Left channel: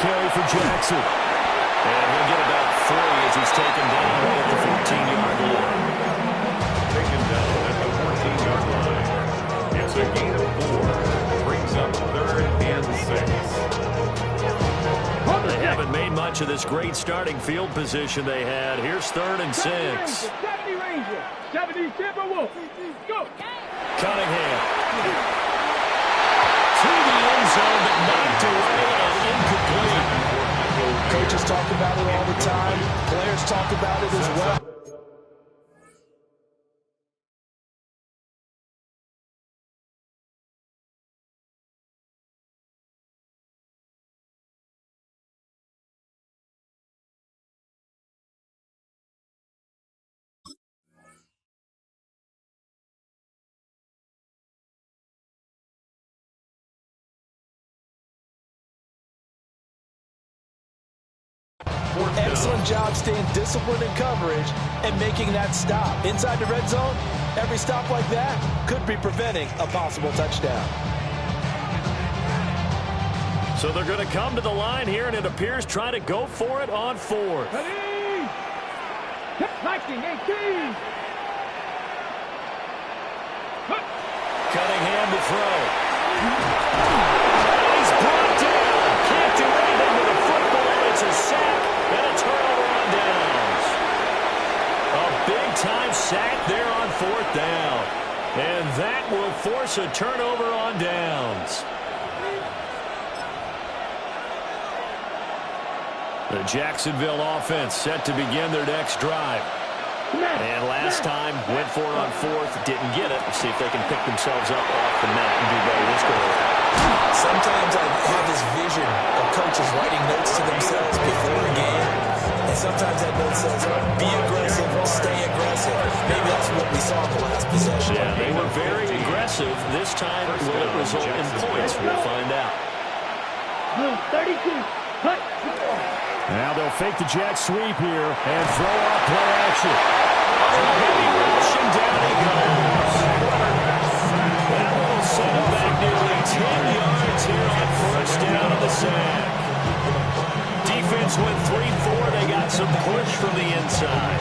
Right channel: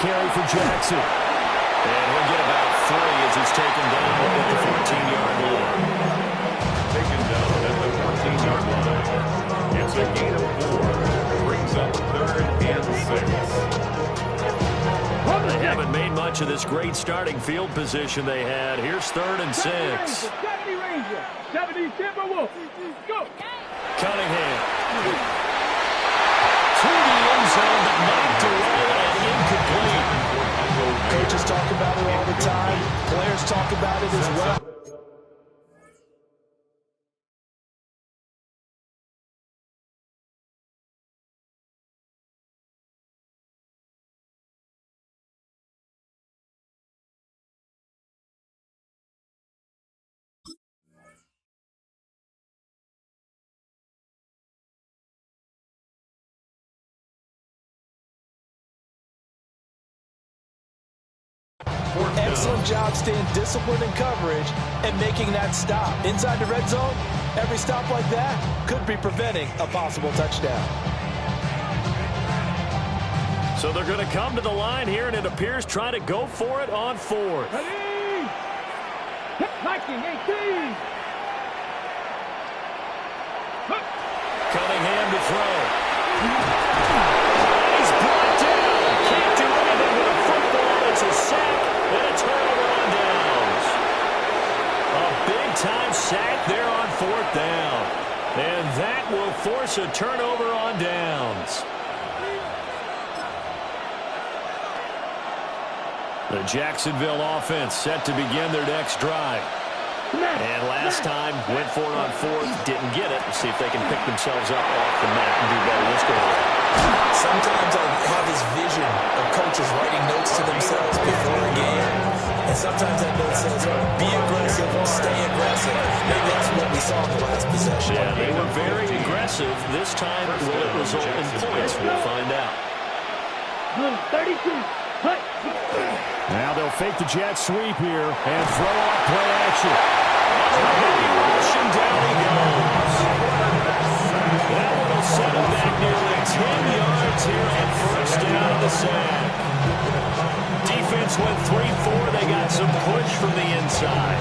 carry for Jackson. And he'll get about 3 as he's taken down at the 14-yard line. Taken down at the 14-yard line. It's a gain of 4. Brings up 3rd and 6. They haven't made much of this great starting field position they had. Here's 3rd and 6. 70 Ranger, 70 Timberwolf. Go. Cunningham. To the end zone, but knocked away and incomplete. Coaches talk about it all the time. Players talk about it as well. Excellent job staying disciplined in coverage and making that stop. Inside the red zone, every stop like that could be preventing a possible touchdown. So they're going to come to the line here, and it appears trying to go for it on 4th. Ready. Hip liking 18. Cunningham to throw. He's brought down. Can't do anything with a football. It's a sack and a turnover on downs. A big-time sack there on 4th down. And that will force a turnover on downs. The Jacksonville offense set to begin their next drive. And last time, went for it on 4th, didn't get it. See if they can pick themselves up off the mat and do better this go around. Sometimes I have this vision of coaches writing notes to themselves before a game. And sometimes that note says, be aggressive, stay aggressive. Maybe that's what we saw in the last possession. Yeah, they were very aggressive. This time, will it result in points? We'll find out. 32. Hut. Now they'll fake the jet sweep here and throw off play action. On a heavy rush, and down he goes. That one will set him back nearly 10 yards here on 1st down of the sack. Defense went 3-4. They got some push from the inside.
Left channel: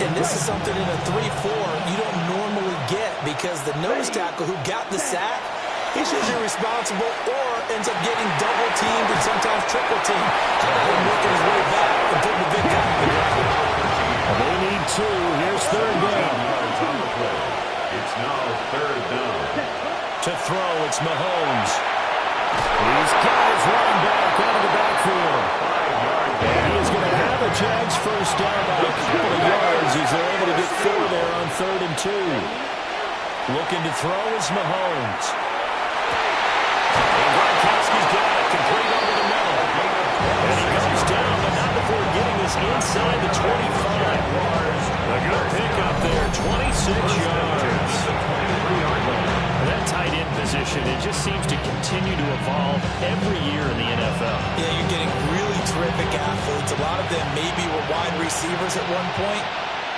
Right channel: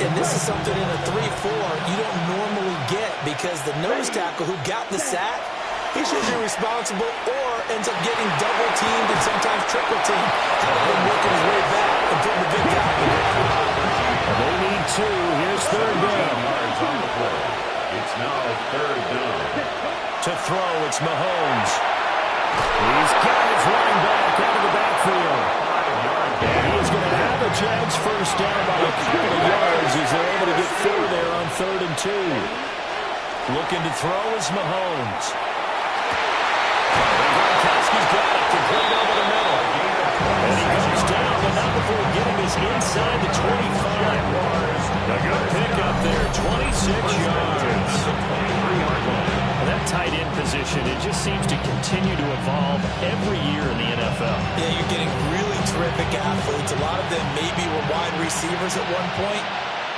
And this is something in a 3-4 you don't normally get because the nose tackle who got the sack, he's usually responsible or ends up getting double-teamed and sometimes triple-teamed. How about him working his way back and putting the big guy on the ground? They need 2. Here's 3rd down. Yards on the play. It's now 3rd down. To throw, it's Mahomes. He's got his running back out of the backfield. 5-yard gain. And he is going to have the Jags first down by a couple of yards as they're able to get 4 there on 3rd and 2. Looking to throw is Mahomes. And Gronkowski's got it, complete over the middle. And he comes down, but not before getting this inside the 25. A good pickup there, 26 yards. That tight end position, it just seems to continue to evolve every year in the NFL. Yeah, you're getting really terrific athletes. A lot of them maybe were wide receivers at one point.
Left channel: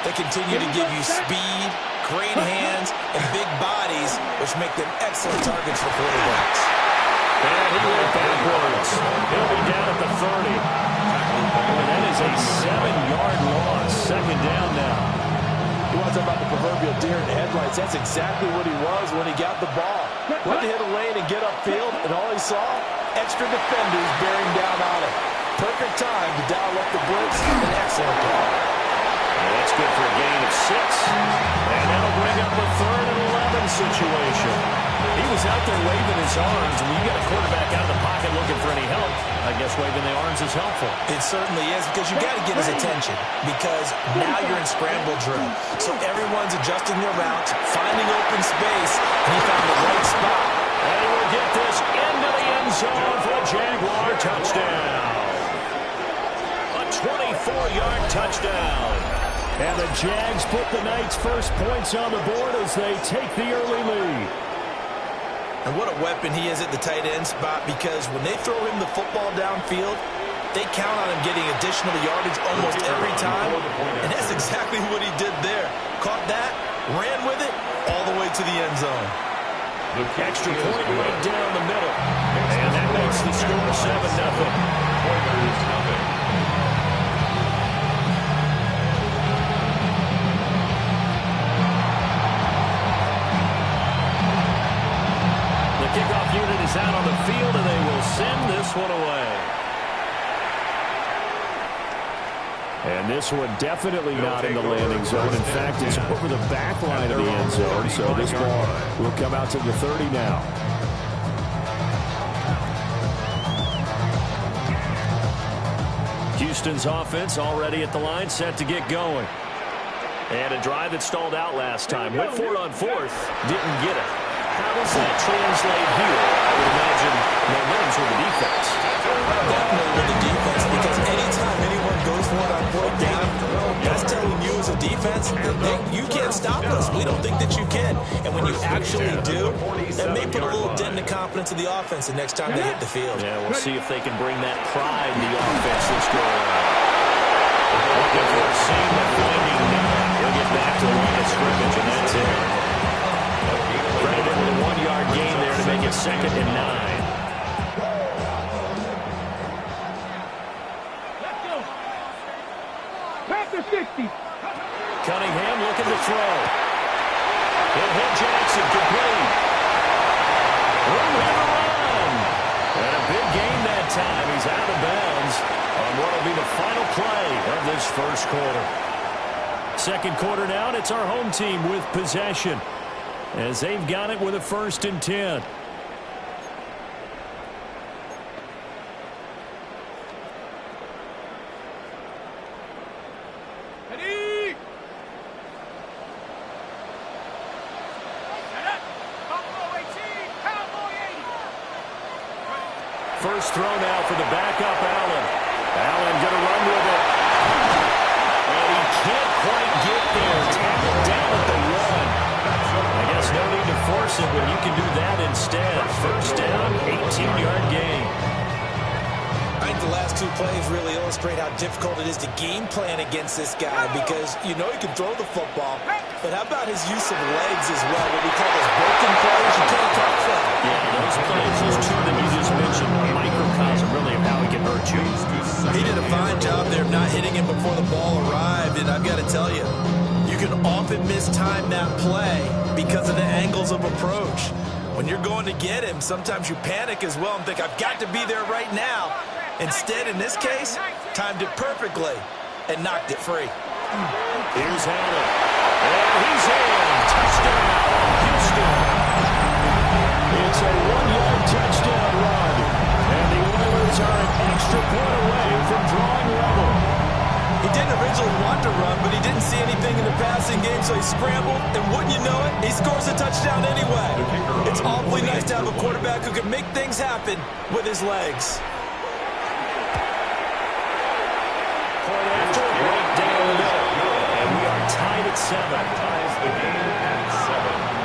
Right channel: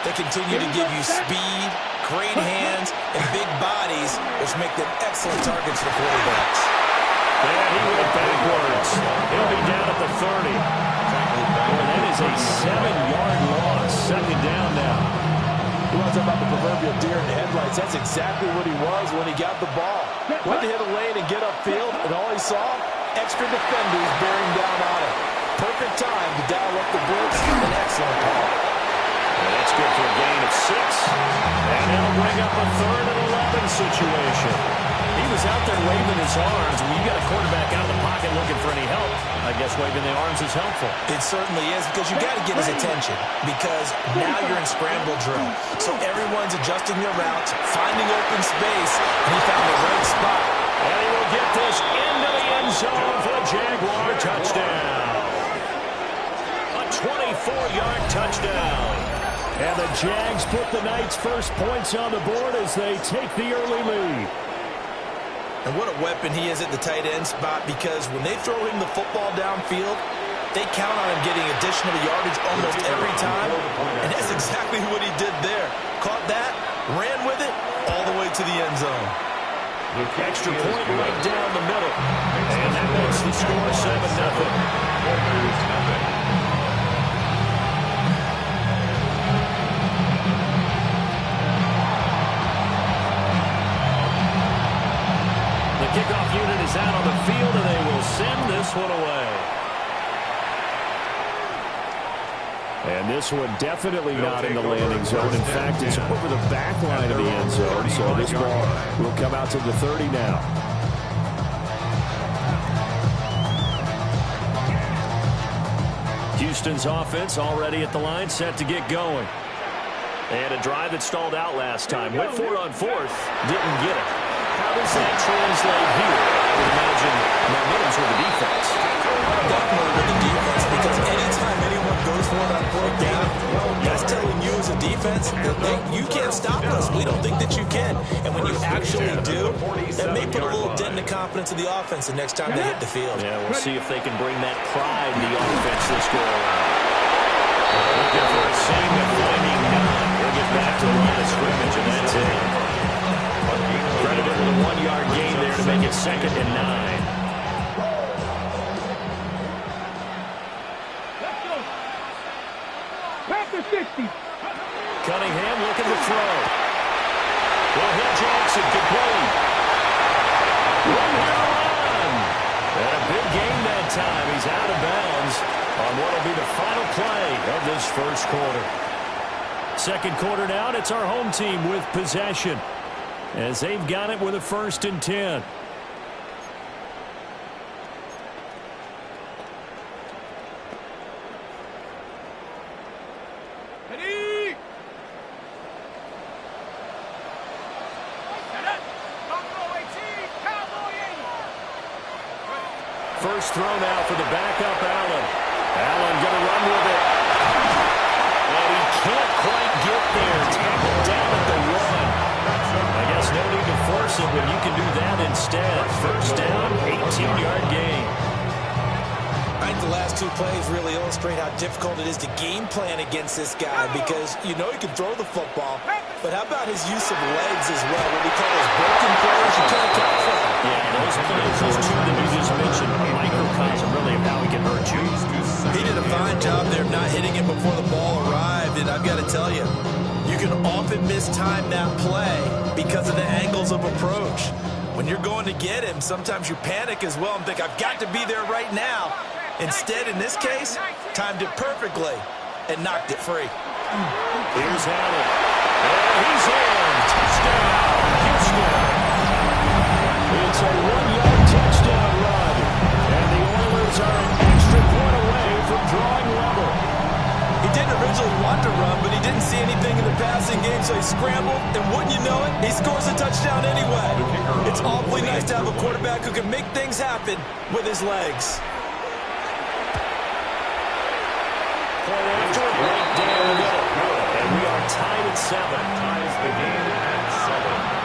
They continue to give you speed, great hands, and big bodies, which make them excellent targets for quarterbacks. And he went backwards. He'll be down at the 30. Boy, that is a 7-yard loss. 2nd down now. You want to talk about the proverbial deer in the headlights? That's exactly what he was when he got the ball. Went to hit a lane and get upfield, and all he saw, extra defenders bearing down on it. Perfect time to dial up the blitz. An excellent call. Yeah, that's good for a gain of 6. And that'll bring up a 3rd and 11 situation. He was out there waving his arms. When you got a quarterback out of the pocket looking for any help, I guess waving the arms is helpful. It certainly is because you got to get his attention because now you're in scramble drill. So everyone's adjusting their routes, finding open space, and he found the right spot. And he will get this into the end zone for a Jaguar touchdown. A 24-yard touchdown. And the Jags put the Knights' first points on the board as they take the early lead. And what a weapon he is at the tight end spot because when they throw him the football downfield, they count on him getting additional yardage almost every time. And that's exactly what he did there. Caught that, ran with it, all the way to the end zone. Extra point right down the middle. And that makes the score 7-0. down the field, and they will send this one away. And this one definitely not in the landing zone. In fact, it's over the back line of the end zone. So this ball will come out to the 30 now. Houston's offense already at the line, set to get going. And a drive that stalled out last time. Went for it on fourth, didn't get it. How does that translate here? I would imagine momentum's with the defense. Definitely with the defense, because anytime anyone goes for it on fourth down, that's telling you as a defense that you can't stop us. We don't think that you can. And when you actually do, that may put a little dent in the confidence of the offense the next time they hit the field. Yeah, we'll see if they can bring that pride in the offense this go around. Looking for a seam and finding none. He'll get back to the line of scrimmage, and that's it. Credited with a 1-yard gain there to make it 2nd and 9. Let's go. Pass the 60. Cunningham looking to throw. He'll hit Jackson, complete. Room here to run. And a big gain that time. He's out of bounds on what will be the final play of this first quarter. Second quarter now, and it's our home team with possession, as they've got it with a 1st and 10. Ready? Set up. Buffalo 18, Cowboy 80. First throw now for the backup Allen. Allen going to run with it. And he can't quite get there. Tackled down at the 1. I guess no need to force it when you can do that instead. First down, 18-yard gain. I think the last 2 plays really illustrate how difficult it is to game plan against this guy, because you know he can throw the football, but how about his use of legs as well, what we call those broken plays you can't account for. Yeah, those plays, those 2 that you just mentioned, a microcosm really of how he can hurt you. He did a fine job there of not hitting him before the ball arrived, and I've got to tell you, you can often mistime that play because of the angles of approach. When you're going to get him, sometimes you panic as well and think, I've got to be there right now. Instead, in this case, timed it perfectly and knocked it free. Here's Allen. And he's in. Touchdown, Houston. It's a 1-yard touchdown run. And the Oilers are an extra point away from drawing level. He didn't originally want to run, but he didn't see anything in the passing game, so he scrambled, and wouldn't you know it, he scores a touchdown anyway. It's awfully nice to have a quarterback who can make things happen with his legs. Point after, right down the middle. And we are tied at 7. Ties the game at 7.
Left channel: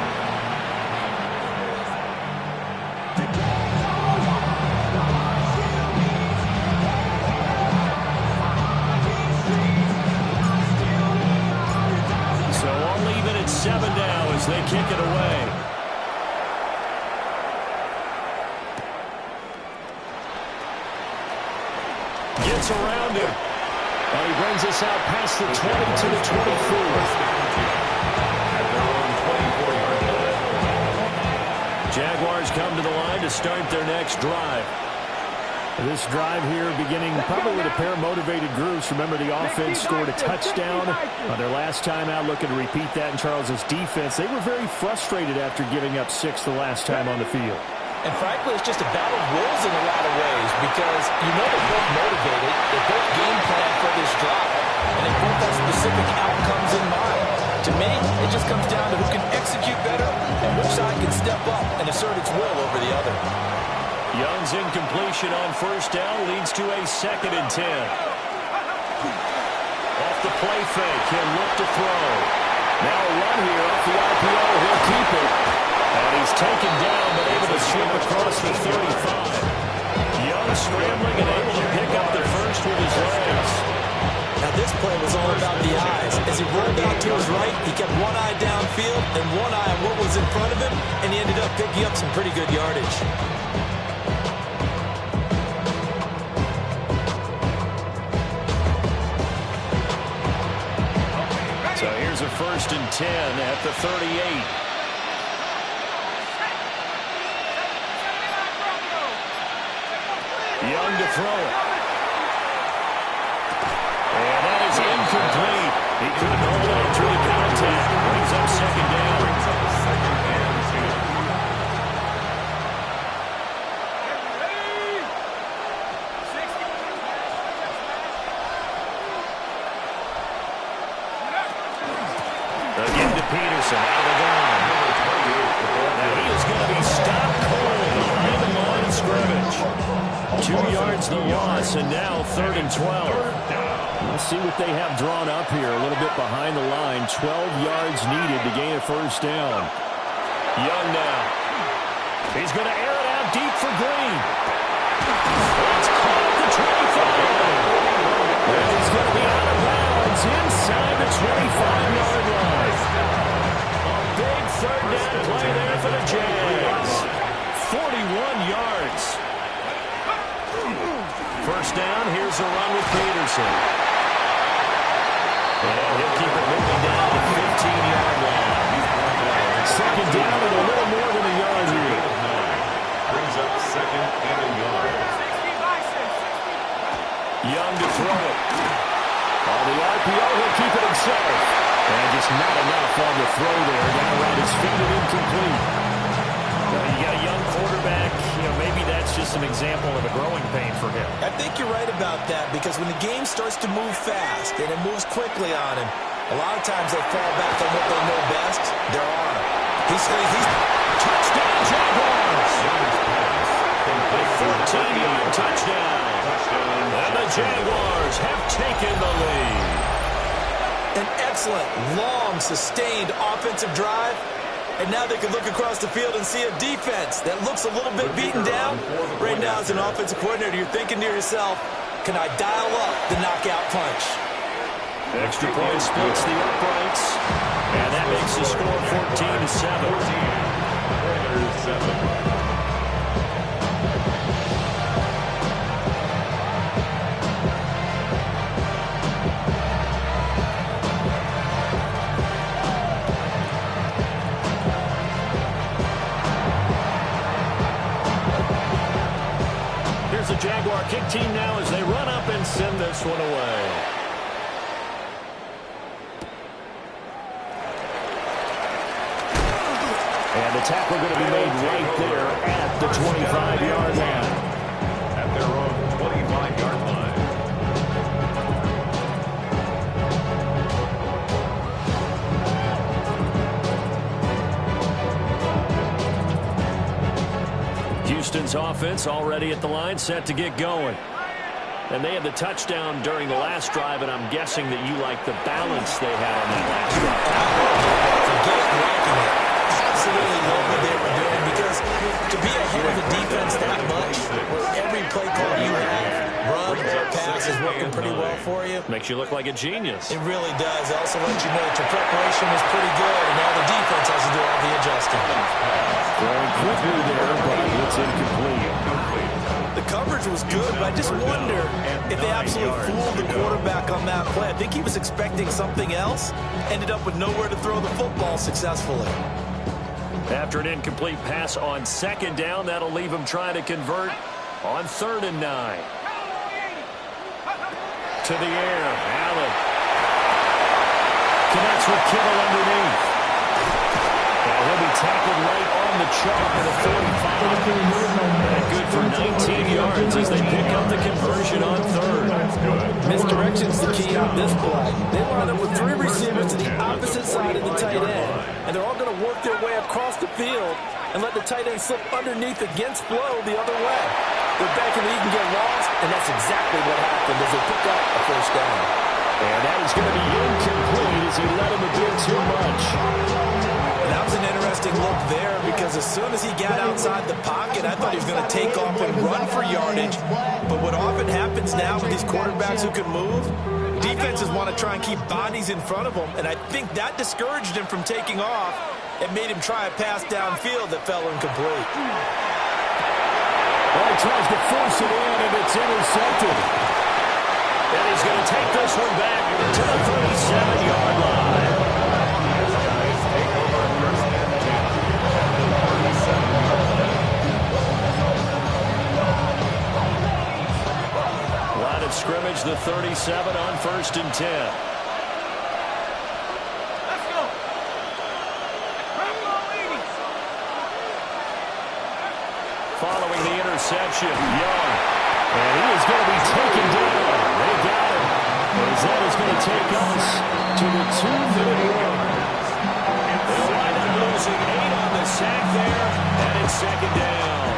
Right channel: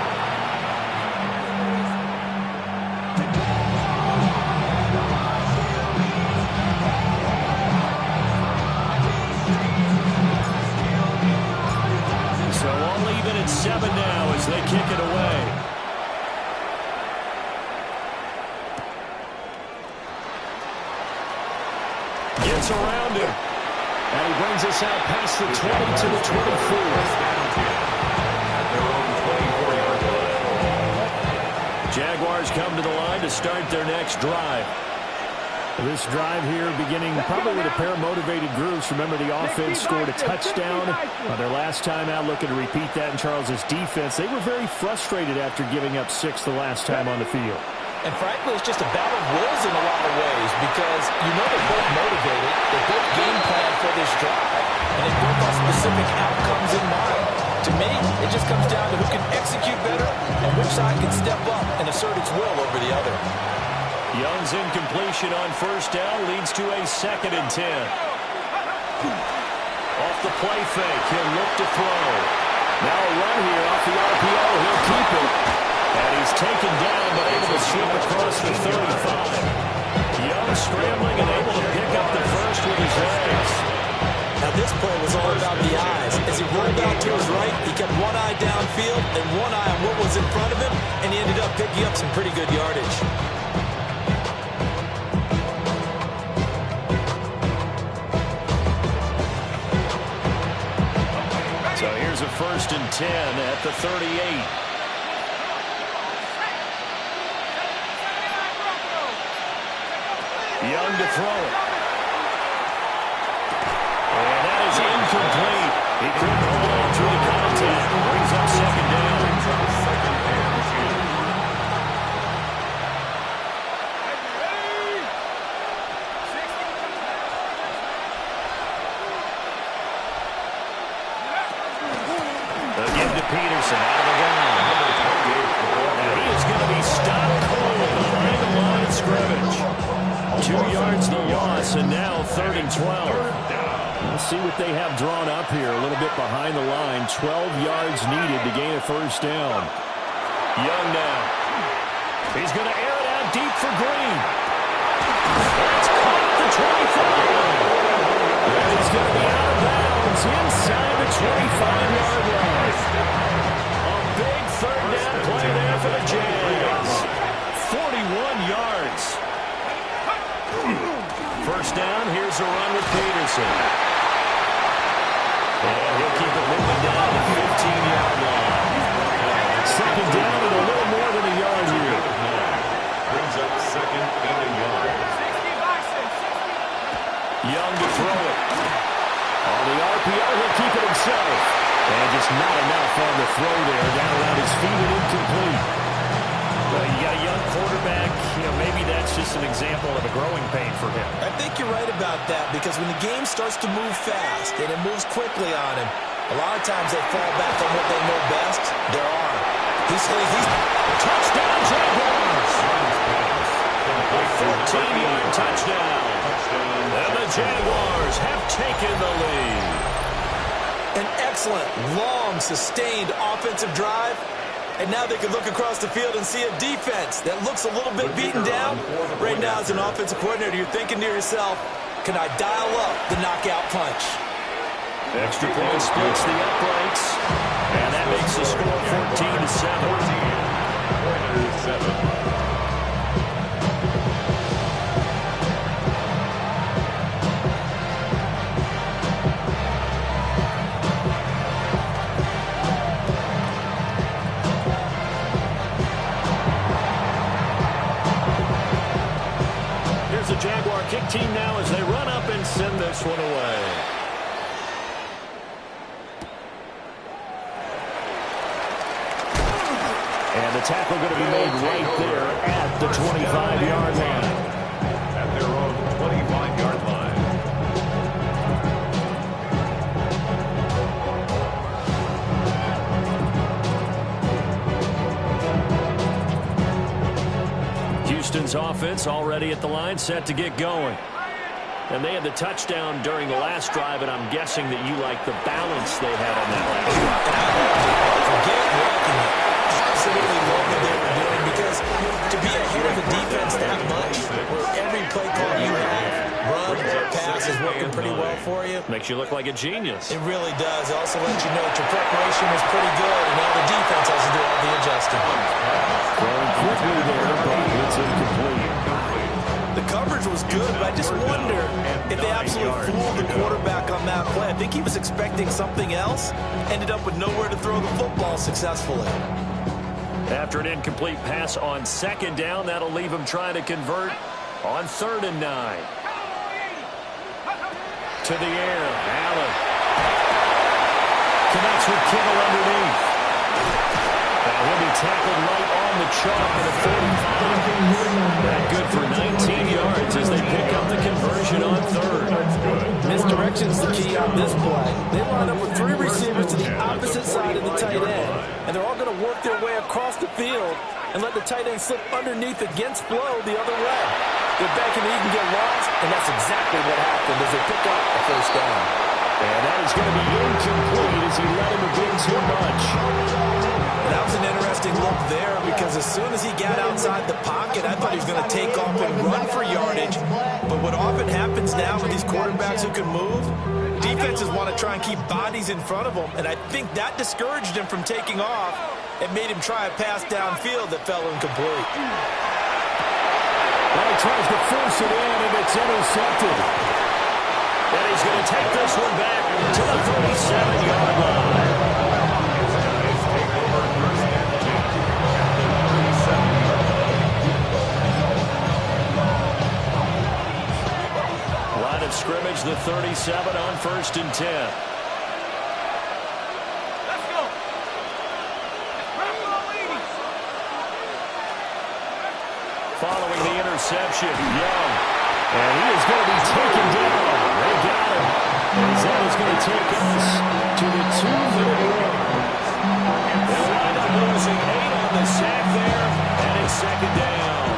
So only even at 7 now as they kick it away. Gets around him. And he brings us out past the 20 to the 24. At their own 24-yard line. Jaguars come to the line to start their next drive. This drive here beginning probably with a pair of motivated groups. Remember, the offense scored a touchdown on their last time out, looking to repeat that in Charles's defense. They were very frustrated after giving up 6 the last time on the field. And frankly, it's just a battle of wills in a lot of ways, because you know they're both motivated, they both game plan for this drive, and they both have specific outcomes in mind. To me, it just comes down to who can execute better and which side can step up and assert its will over the other. Young's incompletion on first down leads to a 2nd and 10. Off the play fake, he'll look to throw. Now a run here off the RPO, he'll keep it. And he's taken down, but able to slip across the 35. Young scrambling and able to pick up the first with his legs. Now this play was all about the eyes. As he rolled out to his right, he kept one eye downfield and one eye on what was in front of him, and he ended up picking up some pretty good yardage. So here's a 1st and 10 at the 38. Young to throw it. And that is incomplete. He couldn't hold on through the contact. Brings up second down. Brings up second and 10. Again to Peterson, out of the gun. Now he is going to be stopped cold behind the line of scrimmage. 2 yards the loss, and now 3rd and 12. Let's see what they have drawn up here. A little bit behind the line. 12 yards needed to gain a first down. Young now. He's going to air it out deep for Green. It's caught at the 25. And he's going to be out of bounds inside the 25-yard line. A big 3rd down play there for the Jags. 41 yards. First down, here's a run with Peterson. And he'll keep it moving down the 15-yard line. Second down and a little more than a yard here. Brings up second and a yard. Young to throw it. On the RPO, he'll keep it himself. And just not enough on the throw there. Down around his feet and incomplete. You got a young quarterback. Maybe that's just an example of a growing pain for him. I think you're right about that, because when the game starts to move fast and it moves quickly on him, a lot of times they fall back on what they know best, their arm. He's touchdown Jaguars! A 14-yard touchdown. And the Jaguars have taken the lead. An excellent, long, sustained offensive drive. And now they can look across the field and see a defense that looks a little bit beaten down. Right now, as an offensive coordinator, you're thinking to yourself, can I dial up the knockout punch? Extra point splits the uprights. And that makes the score 14-7. 14-7. The Jaguar kick team now as they run up and send this one away. And the tackle going to be made right there at the 25-yard line. At their own 25-yard line. Houston's offense already at the line, set to get going. And they had the touchdown during the last drive, and I'm guessing that you like the balance they had on that last drive. And I loved it. Forget liking it. Absolutely love what they were doing, because to be ahead of the defense that much, where every play call you have, run or pass, is working pretty well for you. Makes you look like a genius. It really does. It also lets you know that your preparation was pretty good, and now the defense has to do all the adjusting. Throwing quickly there, but it's incomplete. The coverage was good, but I just wonder if they absolutely fooled the quarterback on that play. I think he was expecting something else, ended up with nowhere to throw the football successfully. After an incomplete pass on second down, that'll leave him trying to convert on 3rd and 9. To the air, Allen. Connects with Kittle underneath. And he'll be tackled right on the chalk at the 45. That good for 19 yards as they pick up the conversion on 3rd. Misdirection's the key on this play. They line up with 3 receivers to the opposite side of the tight end, and they're all going to work their way across the field and let the tight end slip underneath against flow the other way. They're banking that he can get lost, and that's exactly what happened as they pick up a first down. And that is going to be incomplete as he let him a bit too much. That was an interesting look there, because as soon as he got outside the pocket, I thought he was going to take off and run for yardage. But what often happens now with these quarterbacks who can move, defenses want to try and keep bodies in front of them, and I think that discouraged him from taking off and made him try a pass downfield that fell incomplete. Well, he tries to force it in, and it's intercepted. And he's going to take this one back to the 37-yard line. His guys take over 1st and 10 at the 37-yard line. of scrimmage, the 37 on 1st and 10. Let's go. Following the interception, Young. And he is going to be taken down. They got him. As that is going to take us to the 2-minute mark. They'll wind up losing 8 on the sack there, and it's 2nd down.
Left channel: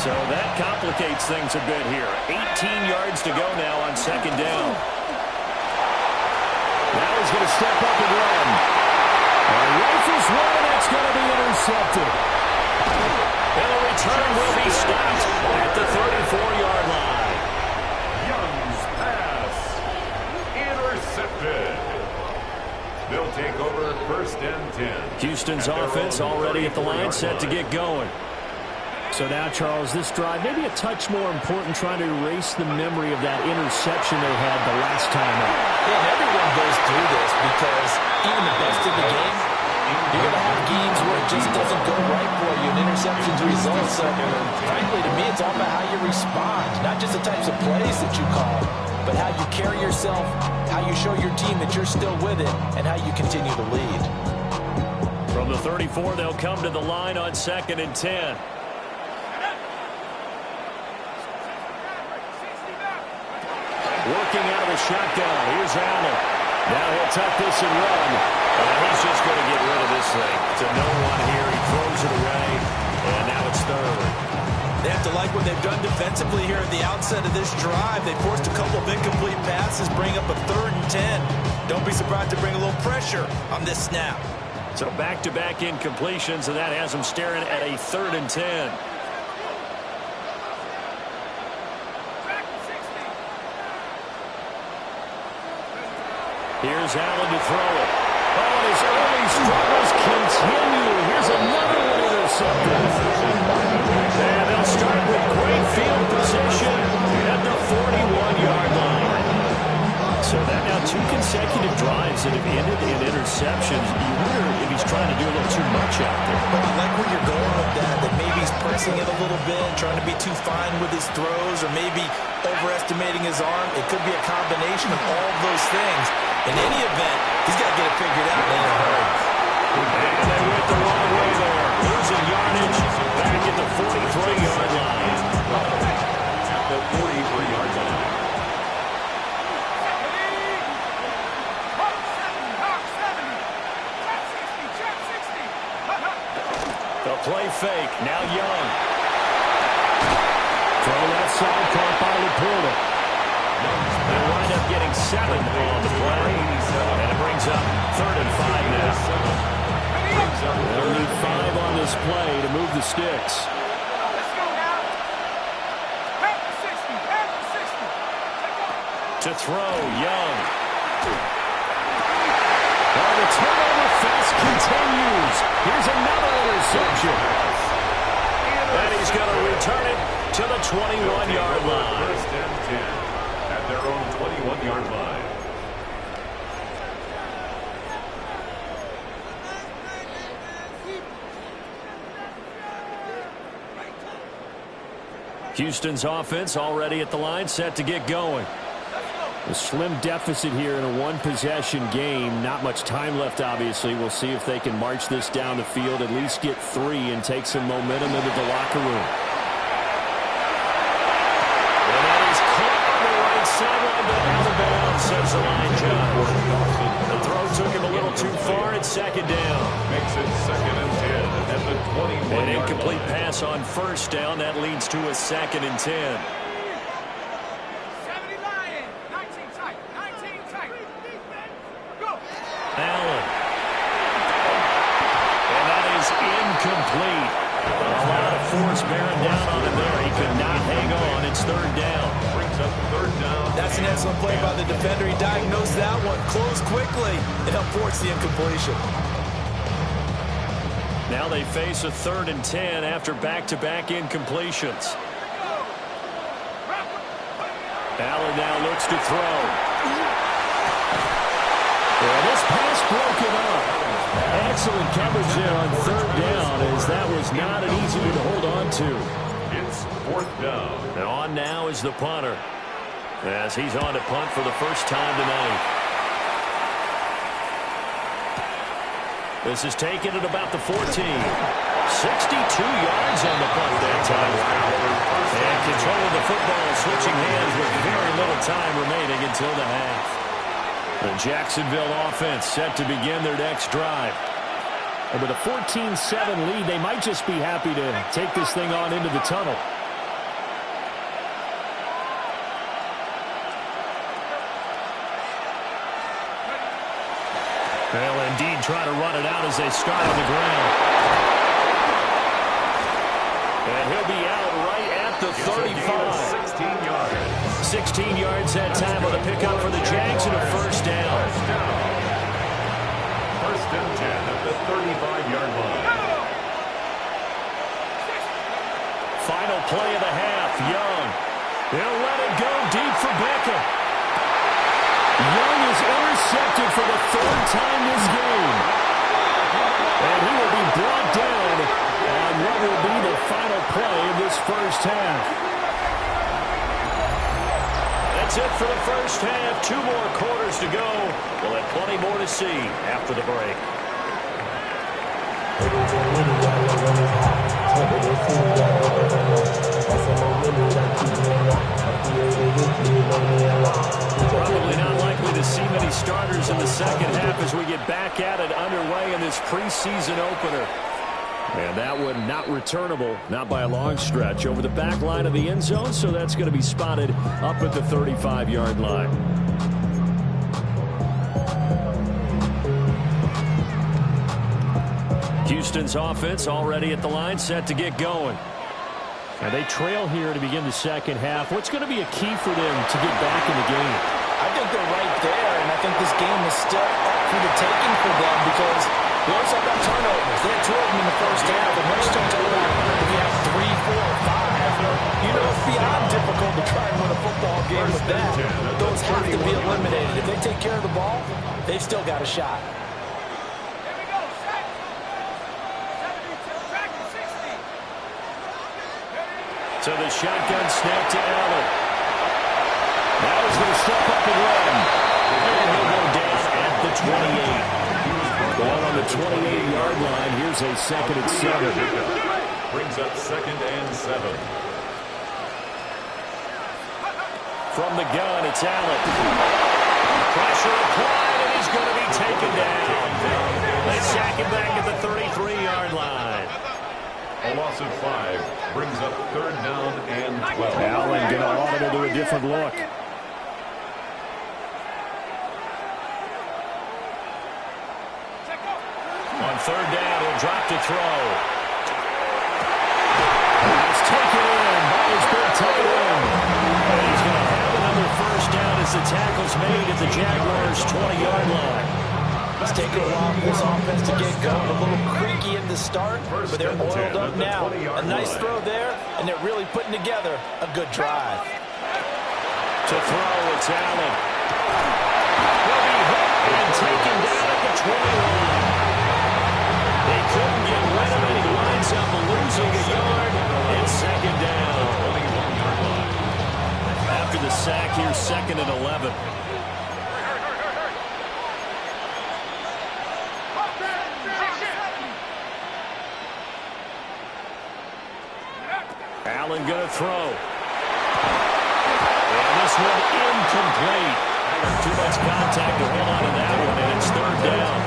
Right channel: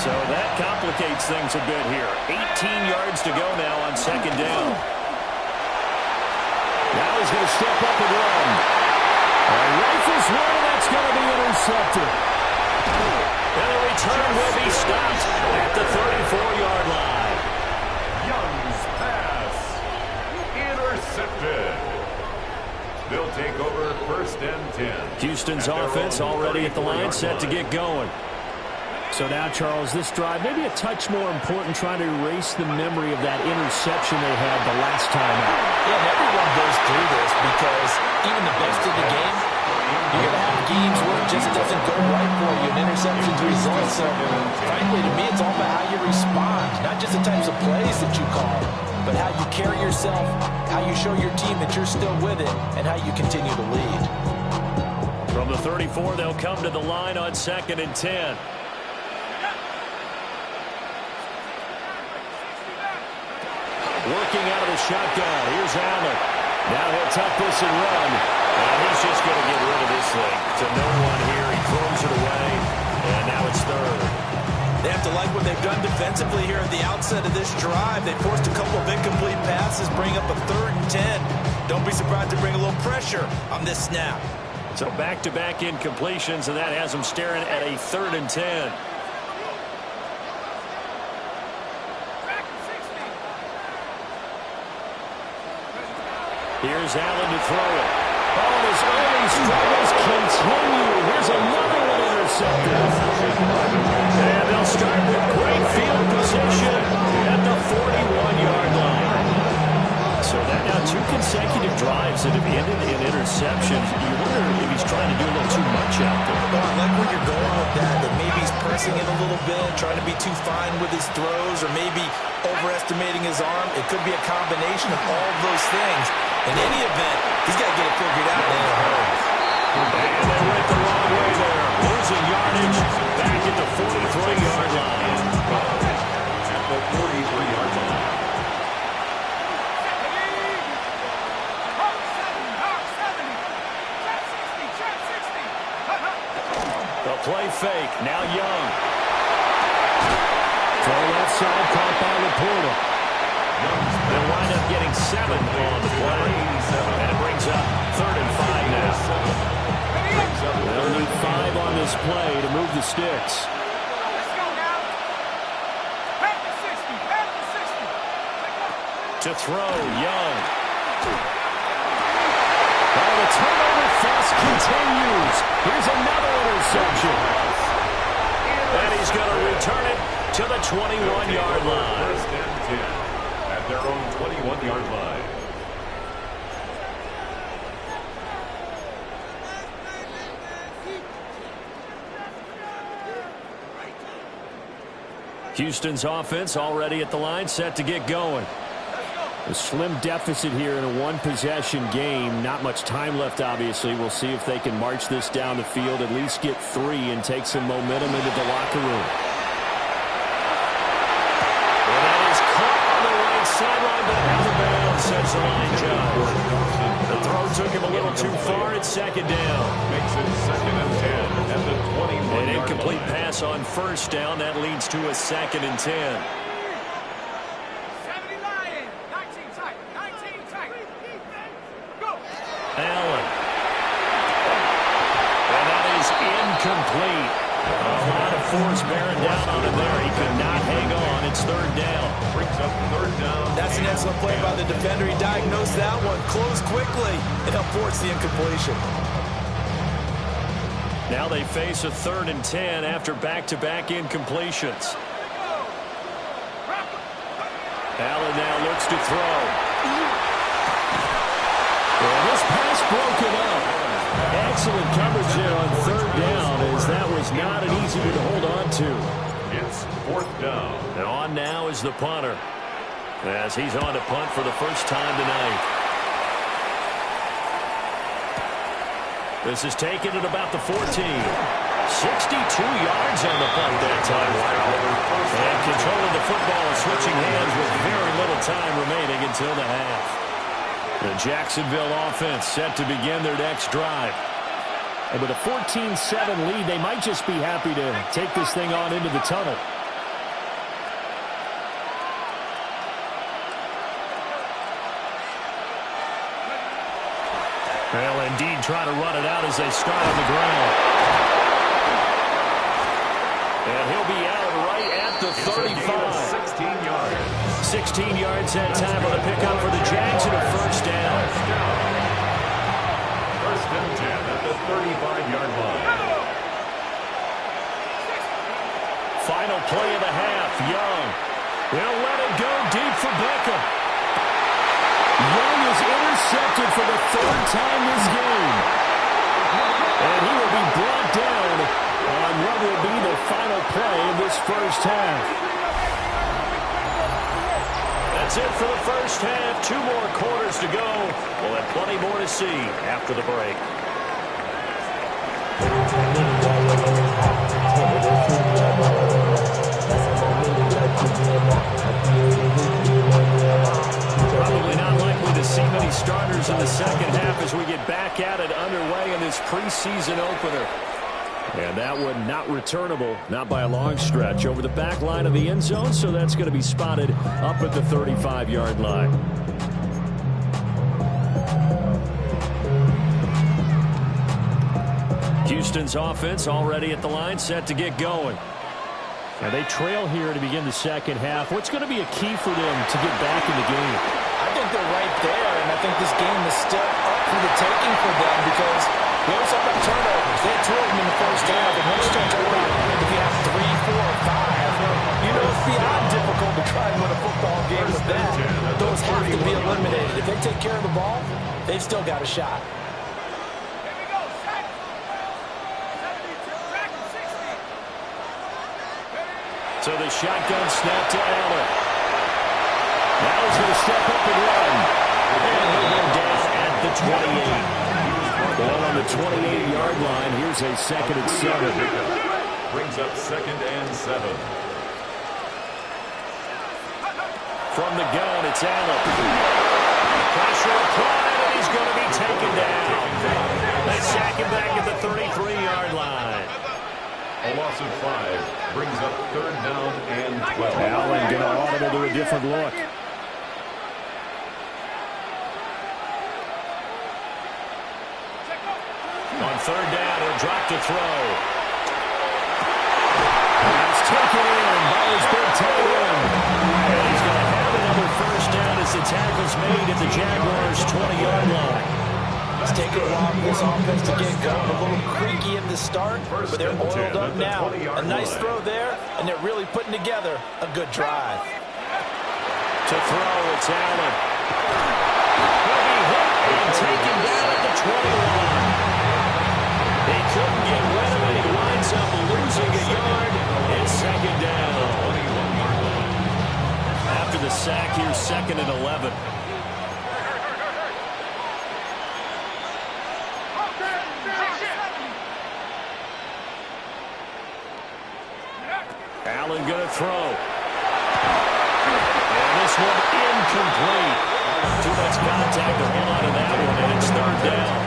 So that complicates things a bit here. 18 yards to go now on 2nd down. Now he's going to step up and run. Rifles one, and that's going to be intercepted. And the return will be stopped at the 34-yard line. Young's pass intercepted. They'll take over 1st and 10. Houston's offense already at the line, set to get going. So now, Charles, this drive maybe a touch more important, trying to erase the memory of that interception they had the last time out. Yeah, and everyone goes through this because even the best of the game, you're going to have games where it just doesn't go right for you, and interceptions result. So, frankly, to me, it's all about how you respond, not just the types of plays that you call, but how you carry yourself, how you show your team that you're still with it, and how you continue to lead. From the 34, they'll come to the line on 2nd and 10. Working out of the shotgun. Here's Allen. Now he'll tuck this and run. And he's just going to get rid of this thing. To no one here. He throws it away. And now it's 3rd. They have to like what they've done defensively here at the outset of this drive. They forced a couple of incomplete passes, bring up a 3rd and 10. Don't be surprised to bring a little pressure on this snap. So back-to-back incompletions, and that has them staring at a 3rd and 10. Here's Allen to throw it. Oh, and his early struggles continue. Here's another one intercepted. And they'll start with great field position at the 41-yard line. So that now 2 consecutive drives that have ended in interceptions. You wonder if he's trying to do a little too much out there. Well, I like where you're going with that maybe he's pressing it a little bit, trying to be too fine with his throws, or maybe overestimating his arm. It could be a combination of all of those things. In any event, he's got to get it figured out in a hurry. And they went the wrong way there. Losing yardage back at the 43-yard line. At the 43-yard line. The play fake. Now Young. Throw left side, caught by Laporta. They'll wind up getting 7 on the play. And it brings up 3rd and 5 now. They'll need 5 on this play to move the sticks. Let's go now. Back to 60. Back to 60. Take off. To throw, Young. Oh, the turnover fest continues. Here's another interception. And he's going to return it to the 21-yard line. 1st and 10 at their own 21-yard line. Houston's offense already at the line, set to get going. A slim deficit here in a one-possession game. Not much time left, obviously. We'll see if they can march this down the field, at least get 3 and take some momentum into the locker room. And that is caught on the right sideline, but out of bounds, says the line judge. The throw took him a little too far. It's 2nd down. Makes it 2nd and 10 at the 21-yard line. An incomplete pass on 1st down. That leads to a 2nd and 10. Allen. And that is incomplete. A lot of force bearing down on him there. He could not hang on. It's 3rd down. Brings up 3rd down. That's an excellent play by the defender. He diagnosed that one, closed quickly, and helped force the incompletion. Now they face a 3rd and 10 after back-to-back incompletions. Allen now looks to throw. Well, this pass broken up. Excellent coverage there on 3rd down, as that was not an easy one to hold on to. It's 4th down. And on now is the punter. As he's on to punt for the first time tonight. This is taken at about the 14. 62 yards on the punt that time. And control of the football, switching hands with very little time remaining until the half. The Jacksonville offense set to begin their next drive. And with a 14-7 lead, they might just be happy to take this thing on into the tunnel. They'll indeed try to run it out as they start on the ground. And he'll be out right at the 35. 16 yards. 16 yards that time on the pickup for the Jags and a first down. First and 10 at the 35-yard line. Final play of the half. Young. They'll let it go deep for Beckham. Young is intercepted for the third time this game. And he will be brought down on what will be the final play of this first half. That's it for the first half. 2 more quarters to go. We'll have plenty more to see after the break. Probably not likely to see many starters in the second half as we get back at it underway in this preseason opener. And that one not returnable, not by a long stretch, over the back line of the end zone, so that's going to be spotted up at the 35-yard line. Houston's offense already at the line, set to get going. And they trail here to begin the second half. What's going to be a key for them to get back in the game? I think they're right there, and I think this game is still up for the taking for them because we also have about turnovers. They had 2 of them in the first half, and once you start talking about if you have 3, 4, 5, you know it's beyond difficult to try and win a football game with that. Those have to be eliminated. If they take care of the ball, they've still got a shot. Here we go. Sack. 72. Sack and 60. So the shotgun snap to Allen. Now he's going to step up and run. And he'll go down at the 28. Ball on the 28-yard line. Here's a second and 7. Brings up second and 7. From the gun, it's Allen. Pressure applied, and he's going to be taken down. They sack him back at the 33-yard line. A loss of 5 brings up third down and 12. Allen going to audible to a different look. On third down, he'll drop to throw. That's taken in by his big tight end. And he's going to have another first down as the tackle's made at the Jaguars' 20-yard line. It's taken a while for this offense to get going. A little creaky at the start, but they're oiled up now. A nice throw there, and they're really putting together a good drive. To throw, it's Allen. He'll be hit and taken down at the 21. They couldn't get rid of it. He winds up losing a yard. It's second down. 21-yard line. After the sack, here's second and 11. Allen going to throw. And this one incomplete. Too much contact to hold on to that one, and it's third down.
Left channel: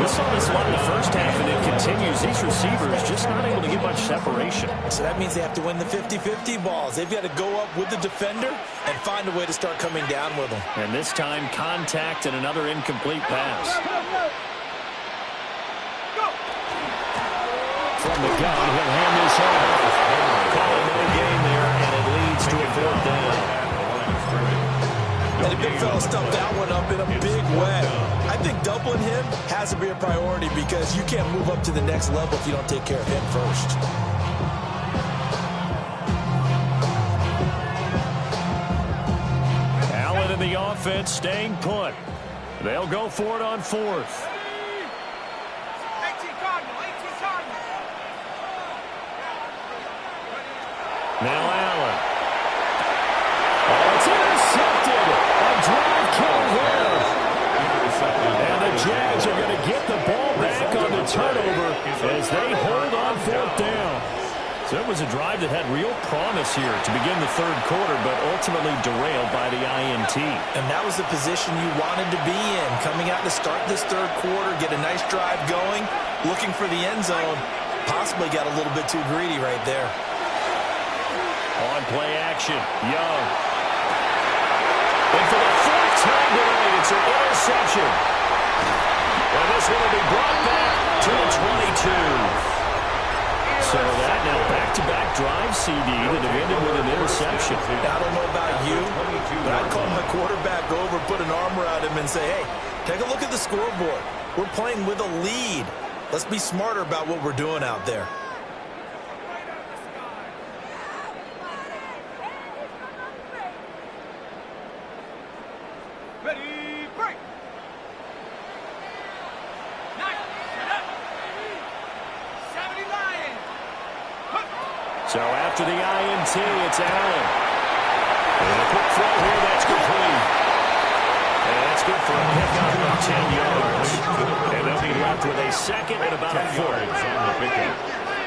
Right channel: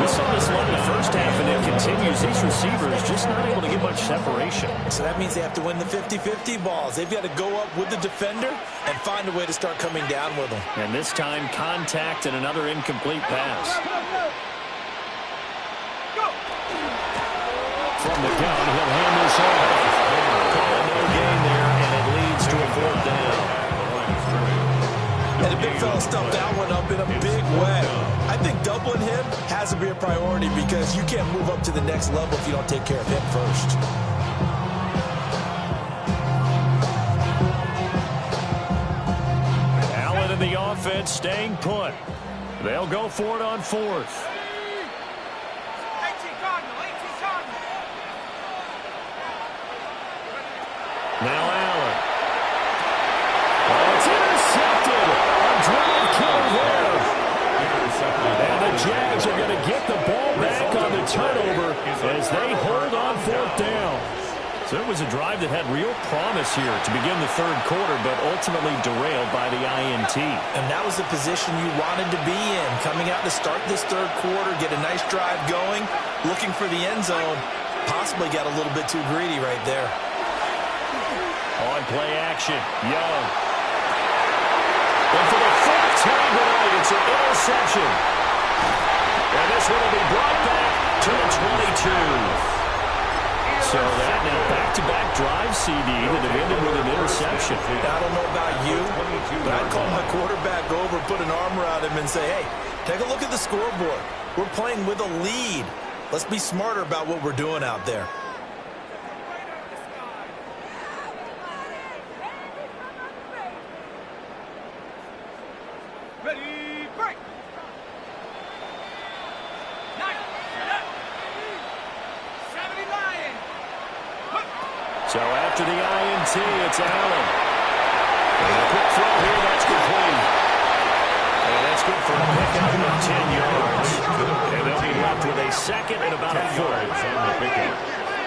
We saw this a lot in the first half, and it continues. These receivers just not able to get much separation. So that means they have to win the 50-50 balls. They've got to go up with the defender and find a way to start coming down with them. And this time, contact and another incomplete pass. From the gun, he'll hand this off. Call it no gain there, and it leads to a fourth down. And the big fella stuffed that one up in a big way. I think doubling him has to be a priority because you can't move up to the next level if you don't take care of him first. Allen in the offense staying put. They'll go for it on fourth. 18 Cardinal. 18 Cardinal. Now Allen. Jags are going to get the ball back on the turnover as they hold on fourth down. So it was a drive that had real promise here to begin the third quarter, but ultimately derailed by the INT. And that was the position you wanted to be in, coming out to start this third quarter, get a nice drive going, looking for the end zone. Possibly got a little bit too greedy right there. On play action, Young. And for the fourth time tonight, it's an interception. And this one will be brought back to the 22. So that now back-to-back drive CD that have ended with an interception. Now, I don't know about you, but I'd call my quarterback over, put an arm around him, and say, hey, take a look at the scoreboard. We're playing with a lead. Let's be smarter about what we're doing out there. Ready, break. Nice. Shut up. 70 Lions. So after the INT, it's Allen. And a quick throw here, that's complete. And that's good for a pickup of 10 yards. And they'll be left with a second and about a foot. On the pickup.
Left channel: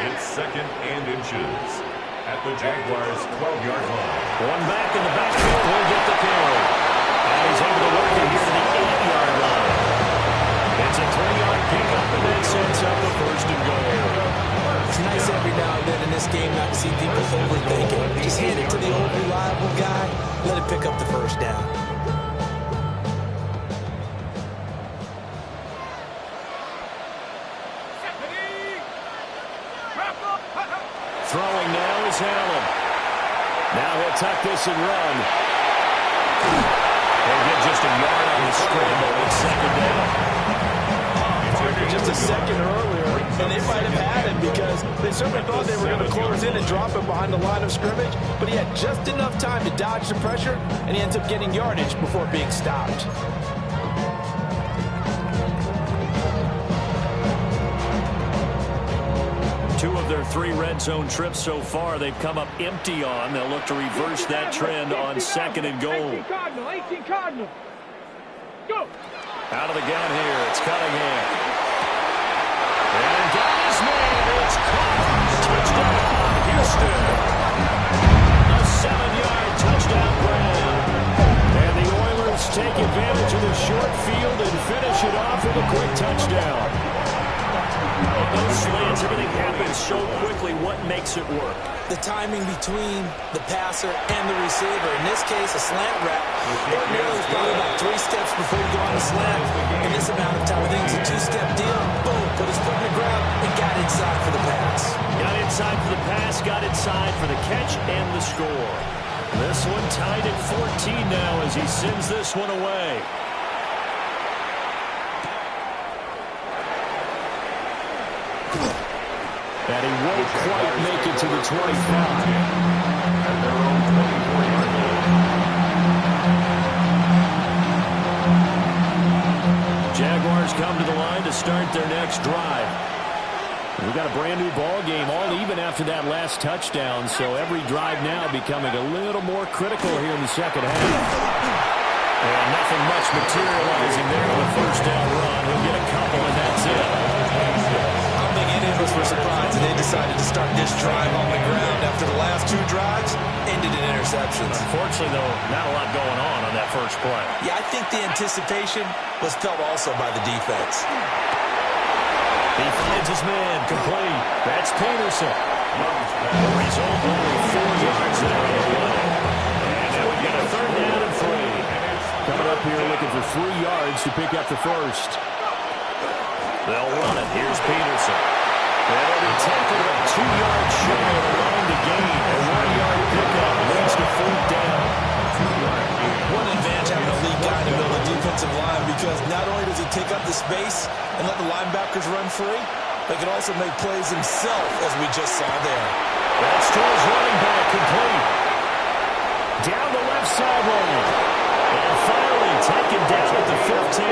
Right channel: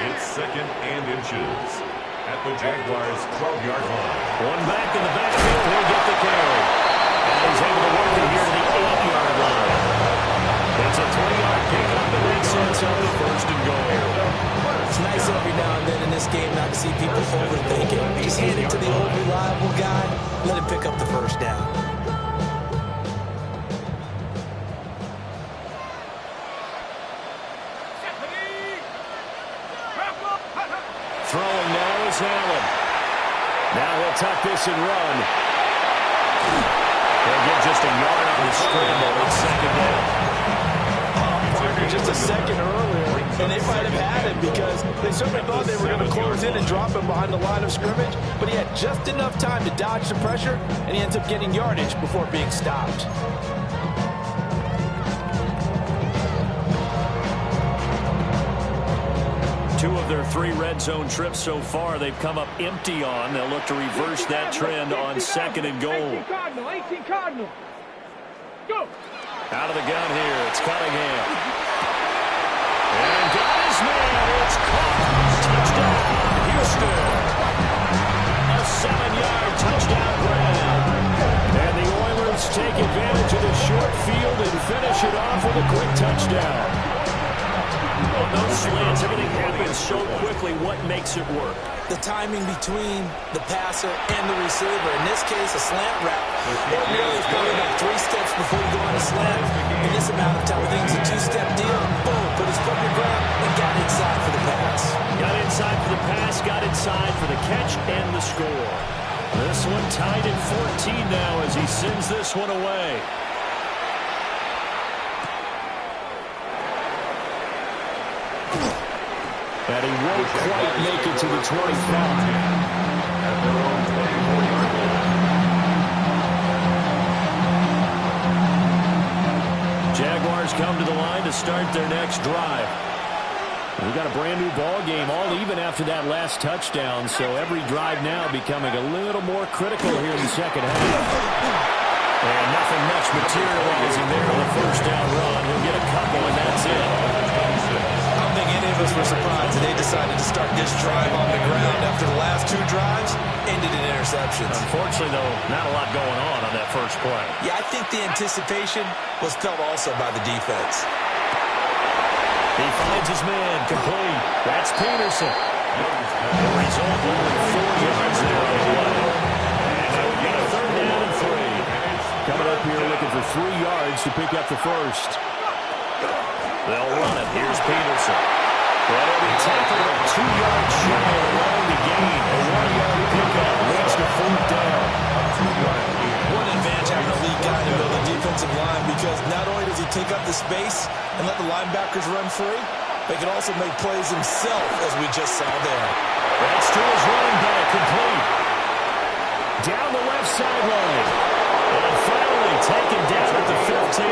It's second and inches at the Jaguars' 12-yard line. One back in the backfield, he'll get the carry. And he's able to work it here to the 8-yard line. It's a 3-yard pickup, and that sets up a first and goal. It's nice every now and then in this game not to see people overthink it. Just hand it to the old reliable guy. Let him pick up the first down. Throwing now is Allen. Now he'll tuck this and run. He'll get just a yard on the scramble on second down. Partner just a second earlier, and they might have had him because they certainly thought they were going to close in and drop him behind the line of scrimmage, but he had just enough time to dodge the pressure, and he ends up getting yardage before being stopped. Two of their 3 red zone trips so far, they've come up empty on. They'll look to reverse that trend on second and goal. 18 Cardinal, 18 Cardinal. Go. Out of the gun here, it's Cunningham. And got his man, it's caught. Touchdown, Houston. A 7-yard touchdown grab. And the Oilers take advantage of the short field and finish it off with a quick touchdown. On those slants, everything happens so quickly. What makes it work? The timing between the passer and the receiver. In this case, a slant route. Ordinarily, it's probably about 3 steps before you go on a slant. In this amount of time, I think it's a 2-step deal. Boom, put his foot in the ground and got inside for the pass. Got inside for the pass, got inside for the catch and the score. This one tied at 14 now as he sends this one away. And he won't quite make it to the 25. At their own 24-yard line. Jaguars come to the line to start their next drive. We've got a brand new ball game, all even after that last touchdown, so every drive now becoming a little more critical here in the second half. And nothing much materializing there on the first down run. He'll get a couple, and that's it. I don't think any of us were surprised that they decided to start this drive on the ground after the last 2 drives ended in interceptions. Unfortunately, though, not a lot going on that first play. Yeah, I think the anticipation was felt also by the defense. He finds his man, complete. That's Peterson. The result, only 4 yards there on the play. And now we've got a third down and 3. Coming up here looking for 3 yards to pick up the first. They'll run it. Here's Peterson. That'll be tackled about 2 yards shy of the line to gain. A 1-yard pickup leads to fourth down. One advantage having a lead guy in the middle of the defensive line because not only does he take up the space and let the linebackers run free, but he can also make plays himself, as we just saw there. That's to his running back, complete. Down the left sideline. And finally taken down at the 15.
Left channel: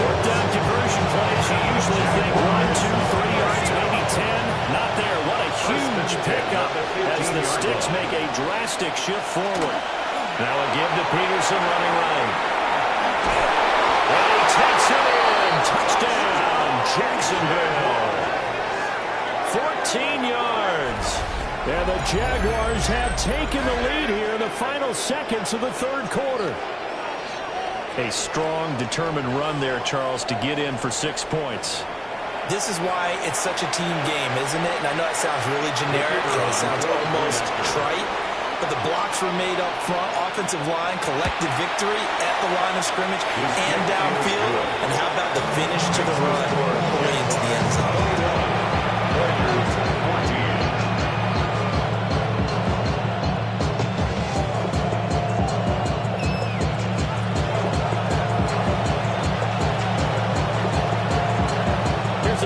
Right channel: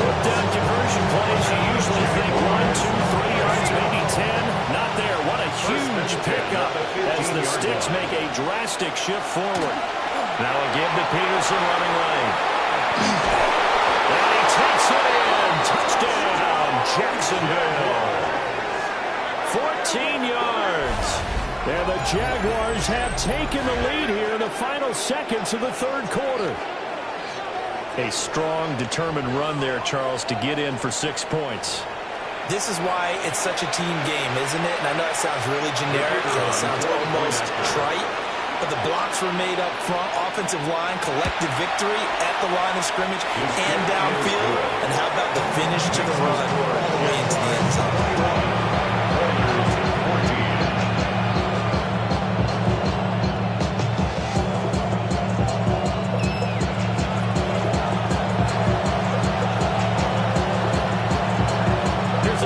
Fourth down conversion plays, you usually think 1, 2, 3 yards, maybe 10. Not there. What a huge pickup as the Sticks make a drastic shift forward. Now a give to Peterson running right. And he takes it in. Touchdown, Jacksonville. 14 yards. And the Jaguars have taken the lead here in the final seconds of the third quarter. A strong, determined run there, Charles, to get in for 6 points. This is why it's such a team game, isn't it? And I know it sounds really generic and it sounds almost trite, but the blocks were made up front, offensive line, collective victory at the line of scrimmage and downfield. And how about the finish to the run all the way into the end zone?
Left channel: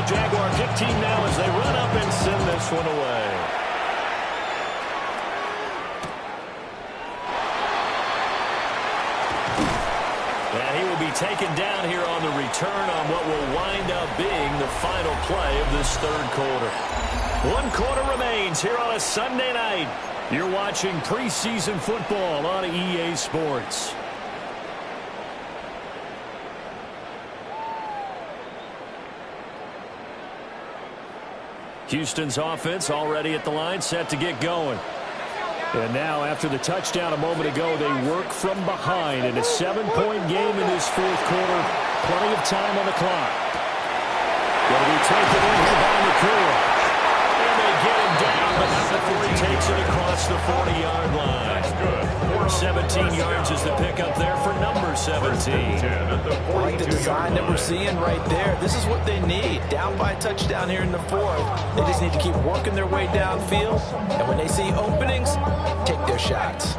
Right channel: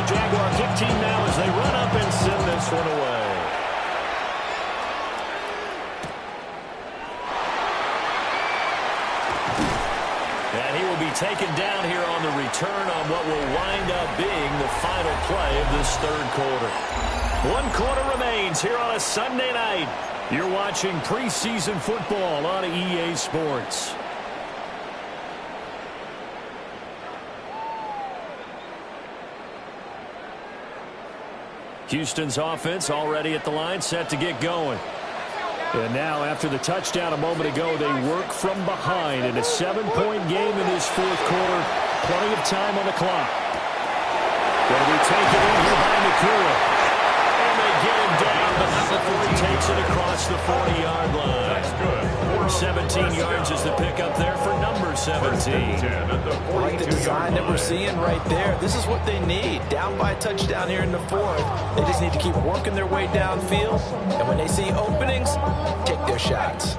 Jaguar kick team now as they run up and send this one away. And he will be taken down here on the return on what will wind up being the final play of this third quarter. 1 quarter remains here on a Sunday night. You're watching preseason football on EA Sports. Houston's offense already at the line, set to get going. And now, after the touchdown a moment ago, they work from behind in a 7-point game in this fourth quarter. Plenty of time on the clock. Going to be taken in here by Nakua. And they get him down, but not before he takes it across the 40-yard line. That's good. 17 yards is the pickup there for number 17. I like the design that we're seeing right there. This is what they need. Down by a touchdown here in the fourth. They just need to keep working their way downfield. And when they see openings, take their shots.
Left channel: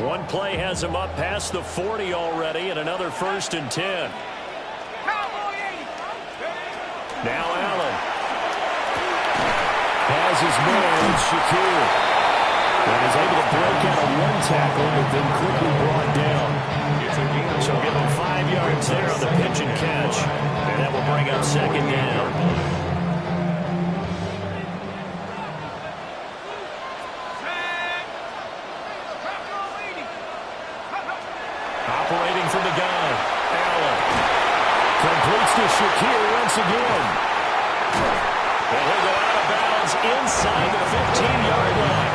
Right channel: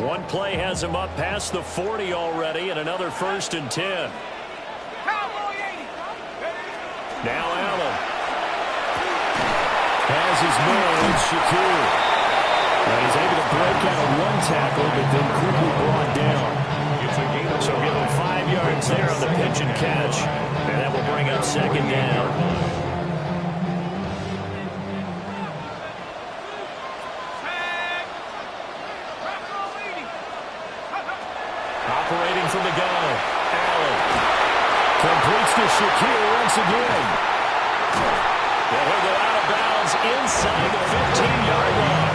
One play has him up past the 40 already, and another 1st and 10. Now Allen has his man, Shakir. And he's able to break out of one tackle, but then quickly brought down. So give him 5 yards there on the pitch and catch. And that will bring up 2nd down. Operating from the gun, Allen. Completes to Shakir once again. And he'll go out of bounds inside the 15-yard line.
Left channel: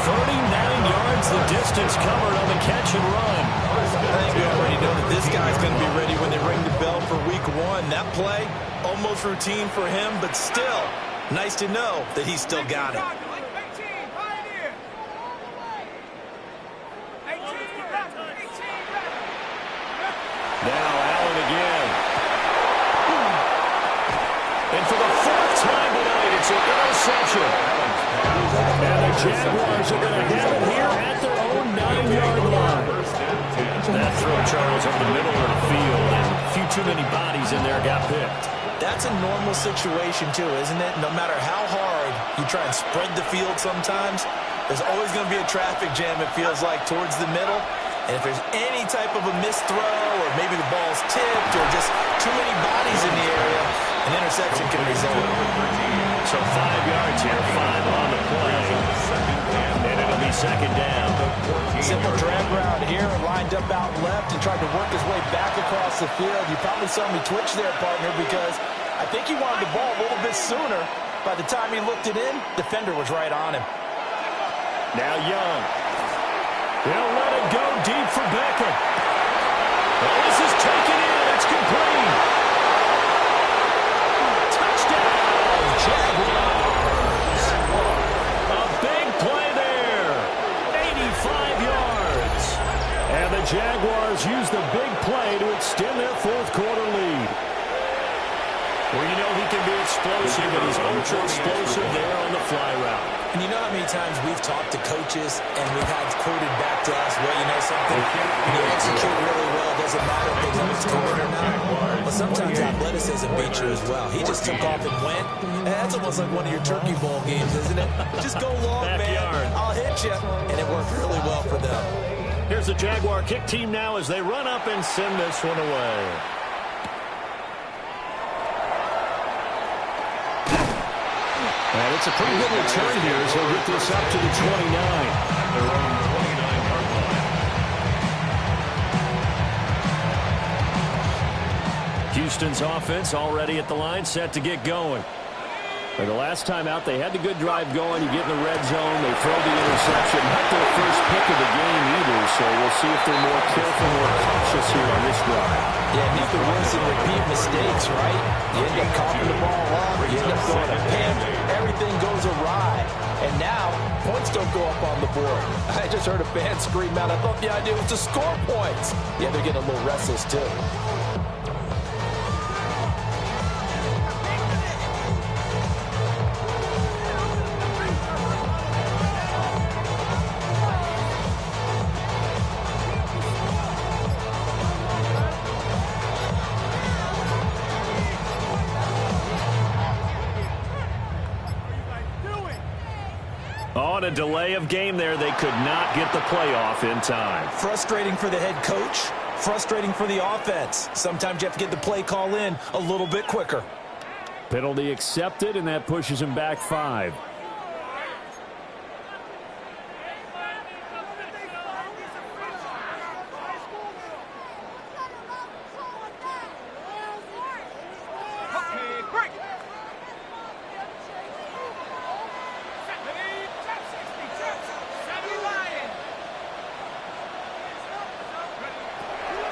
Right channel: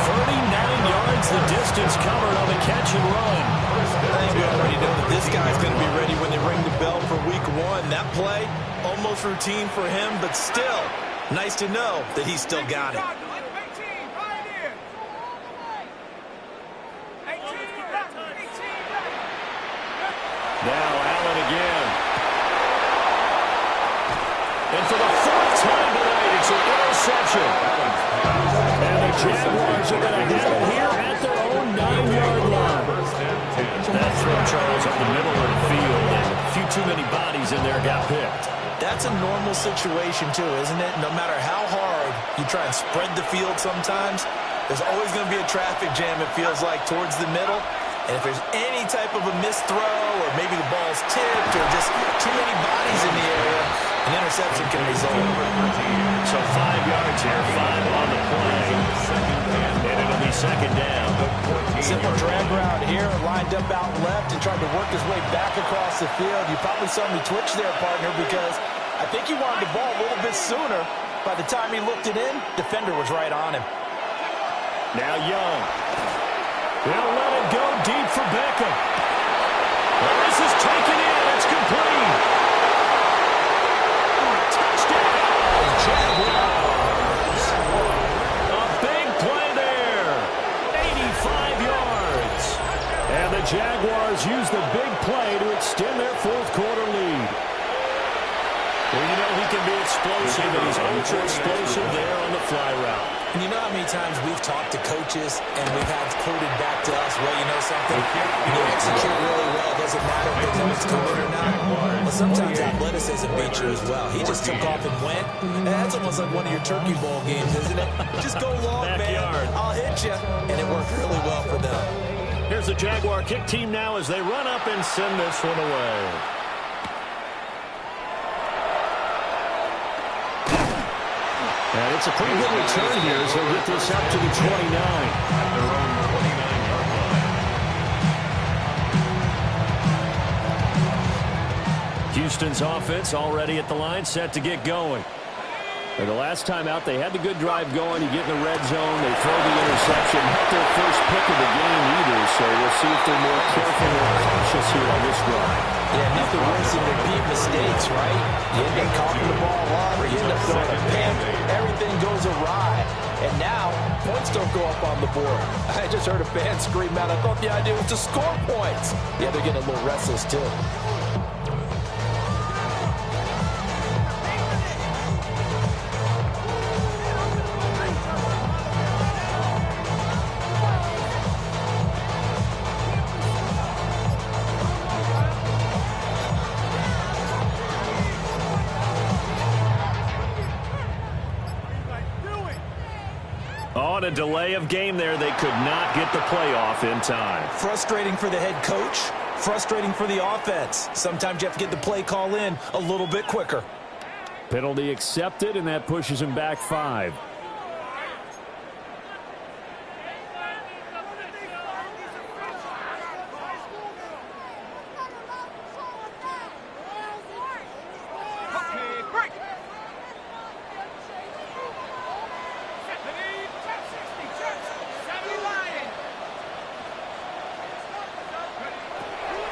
39 yards the distance covered on the catch and run. I think we already know that this guy's going to be ready when they ring the bell for week 1. That play, almost routine for him, but still, nice to know that he's still got it. Now Allen again. And for the 4th time tonight, it's an interception. And the Jaguars are going to have it here at their own 9-yard line. That throw, Charles, over the middle of the field, and a few too many bodies in there got picked. That's a normal situation, too, isn't it? No matter how hard you try and spread the field sometimes, there's always going to be a traffic jam, it feels like, towards the middle. And if there's any type of a missed throw or maybe the ball's tipped or just too many bodies in the area, an interception can result. So 5 yards here, 5 on the play. And it'll be 2nd down. Simple drag route here, lined up out left and tried to work his way back across the field. You probably saw me twitch there, partner, because I think he wanted the ball a little bit sooner. By the time he looked it in, defender was right on him. Now Young. They'll let it go deep for Beckham. Well, this is taken in. It's complete. Touchdown, Jaguars. A big play there. 85 yards. And the Jaguars use the big play to extend their fourth quarter lead. Well, you know he can be explosive, and he's ultra-explosive there on the fly route. And you know how many times we've talked to coaches and we've had quoted back to us, well, you know something? When you execute really well, it doesn't matter if they know it's coming or not. But sometimes athleticism beats you as well. He just took off and went. And that's almost like one of your turkey bowl games, isn't it? Just go long, Backyard. man. I'll hit you. And it worked really well for them. Here's the Jaguar kick team now as they run up and send this one away. And it's a pretty good return here, so he'll get this up to the 29. At their own 29-yard line. Houston's offense already at the line, set to get going. And the last time out, they had the good drive going. You get in the red zone, they throw the interception. Not their first pick of the game either, so we'll see if they're more careful, more cautious here on this drive. Yeah, nothing worse than repeat mistakes, right? You end up coughing the ball up, you end up throwing a pick, everything goes awry. And now, points don't go up on the board. I just heard a fan scream out, I thought the idea was to score points. Yeah, they're getting a little restless too. On a delay of game there, they could not get the playoff in time. Frustrating for the head coach, frustrating for the offense. Sometimes you have to get the play call in a little bit quicker. Penalty accepted, and that pushes him back 5.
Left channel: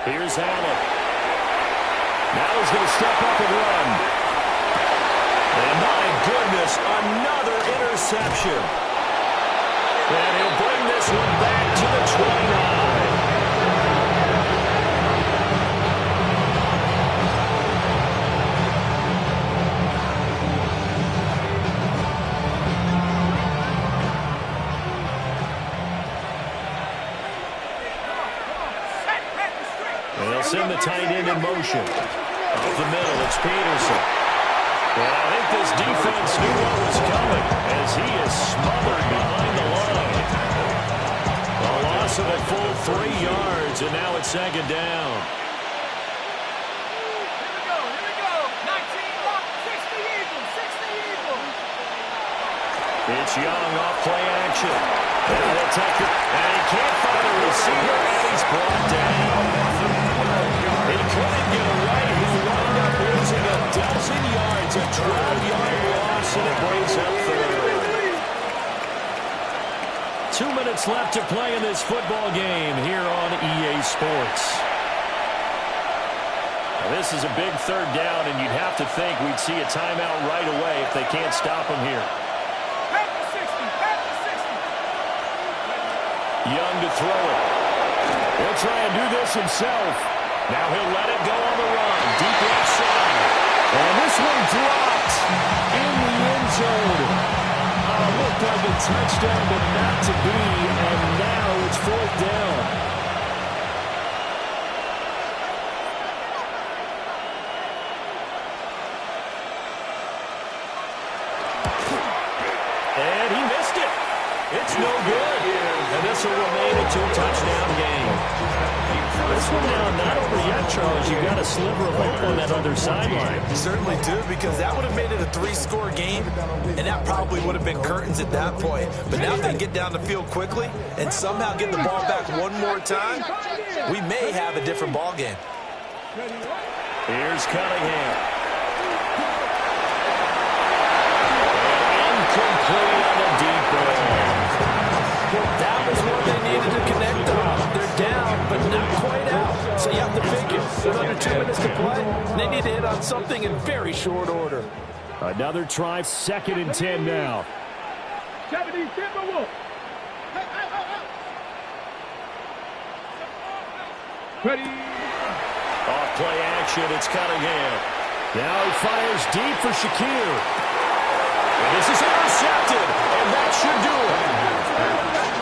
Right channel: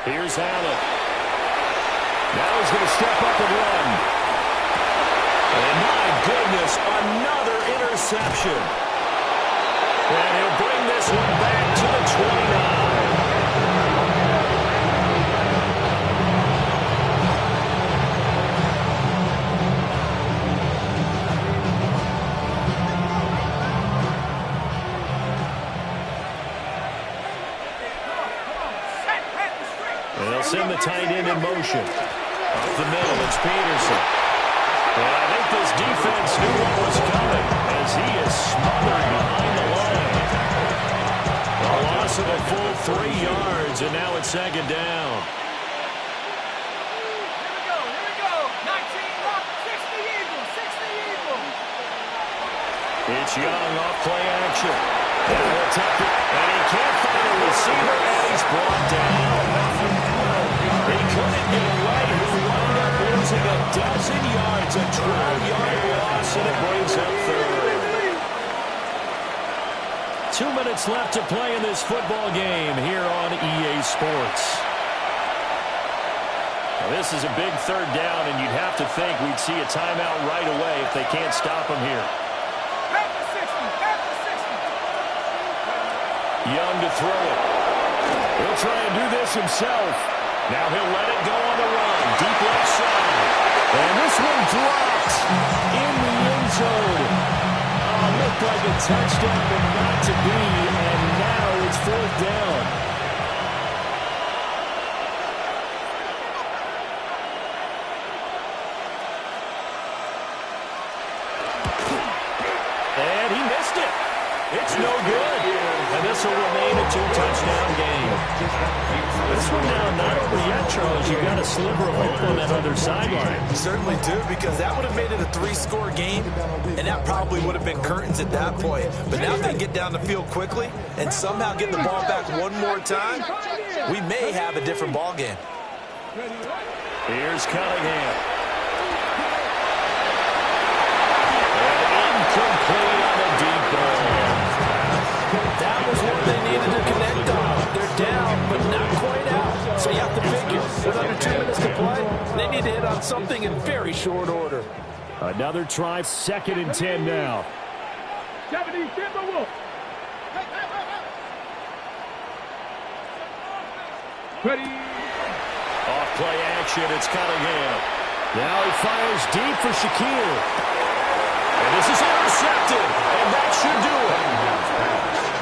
Here's Allen. Now he's going to step up and run. And my goodness, another interception. And he'll bring this one back to the 29. Send the tight end in motion. Up the middle, it's Peterson. And I think this defense knew what was coming as he is smothered behind the line. A loss of a full 3 yards, and now it's second down. Here we go. 19 up, 60 Eagles, 60 Eagles. It's Young off play action. And he'll tuck it, and he can't find a receiver, and he's brought down. He couldn't get it right. He wound up losing a dozen yards, a 12-yard loss, and it brings up third. 2 minutes left to play in this football game here on EA Sports. Now, this is a big third down, and you'd have to think we'd see a timeout right away if they can't stop him here. Back to 60, back to 60. Young to throw it. He'll try and do this himself. Now he'll let it go on the run. Deep left side. And this one dropped in the end zone. Looked like a touchdown, but not to be. And now it's fourth down. And he missed it. It's no good. And this will remain a 2-touchdown game. This one now not over yet, Charles. You've got a sliver of hope on that other sideline. You certainly do, because that would have made it a 3-score game, and that probably would have been curtains at that point. But now they can get down the field quickly and somehow get the ball back one more time. We may have a different ball game. Here's Cunningham. And incomplete on the deep ball. That was what they needed to connect on. They're down, but not quite out. So you have to figure, with under 2 minutes to play, they need to hit on something in very short order. Another try, 2nd and 10 now. Ready. Off play action, it's Cunningham. Now he fires deep for Shakir. And this is intercepted, and that should do it.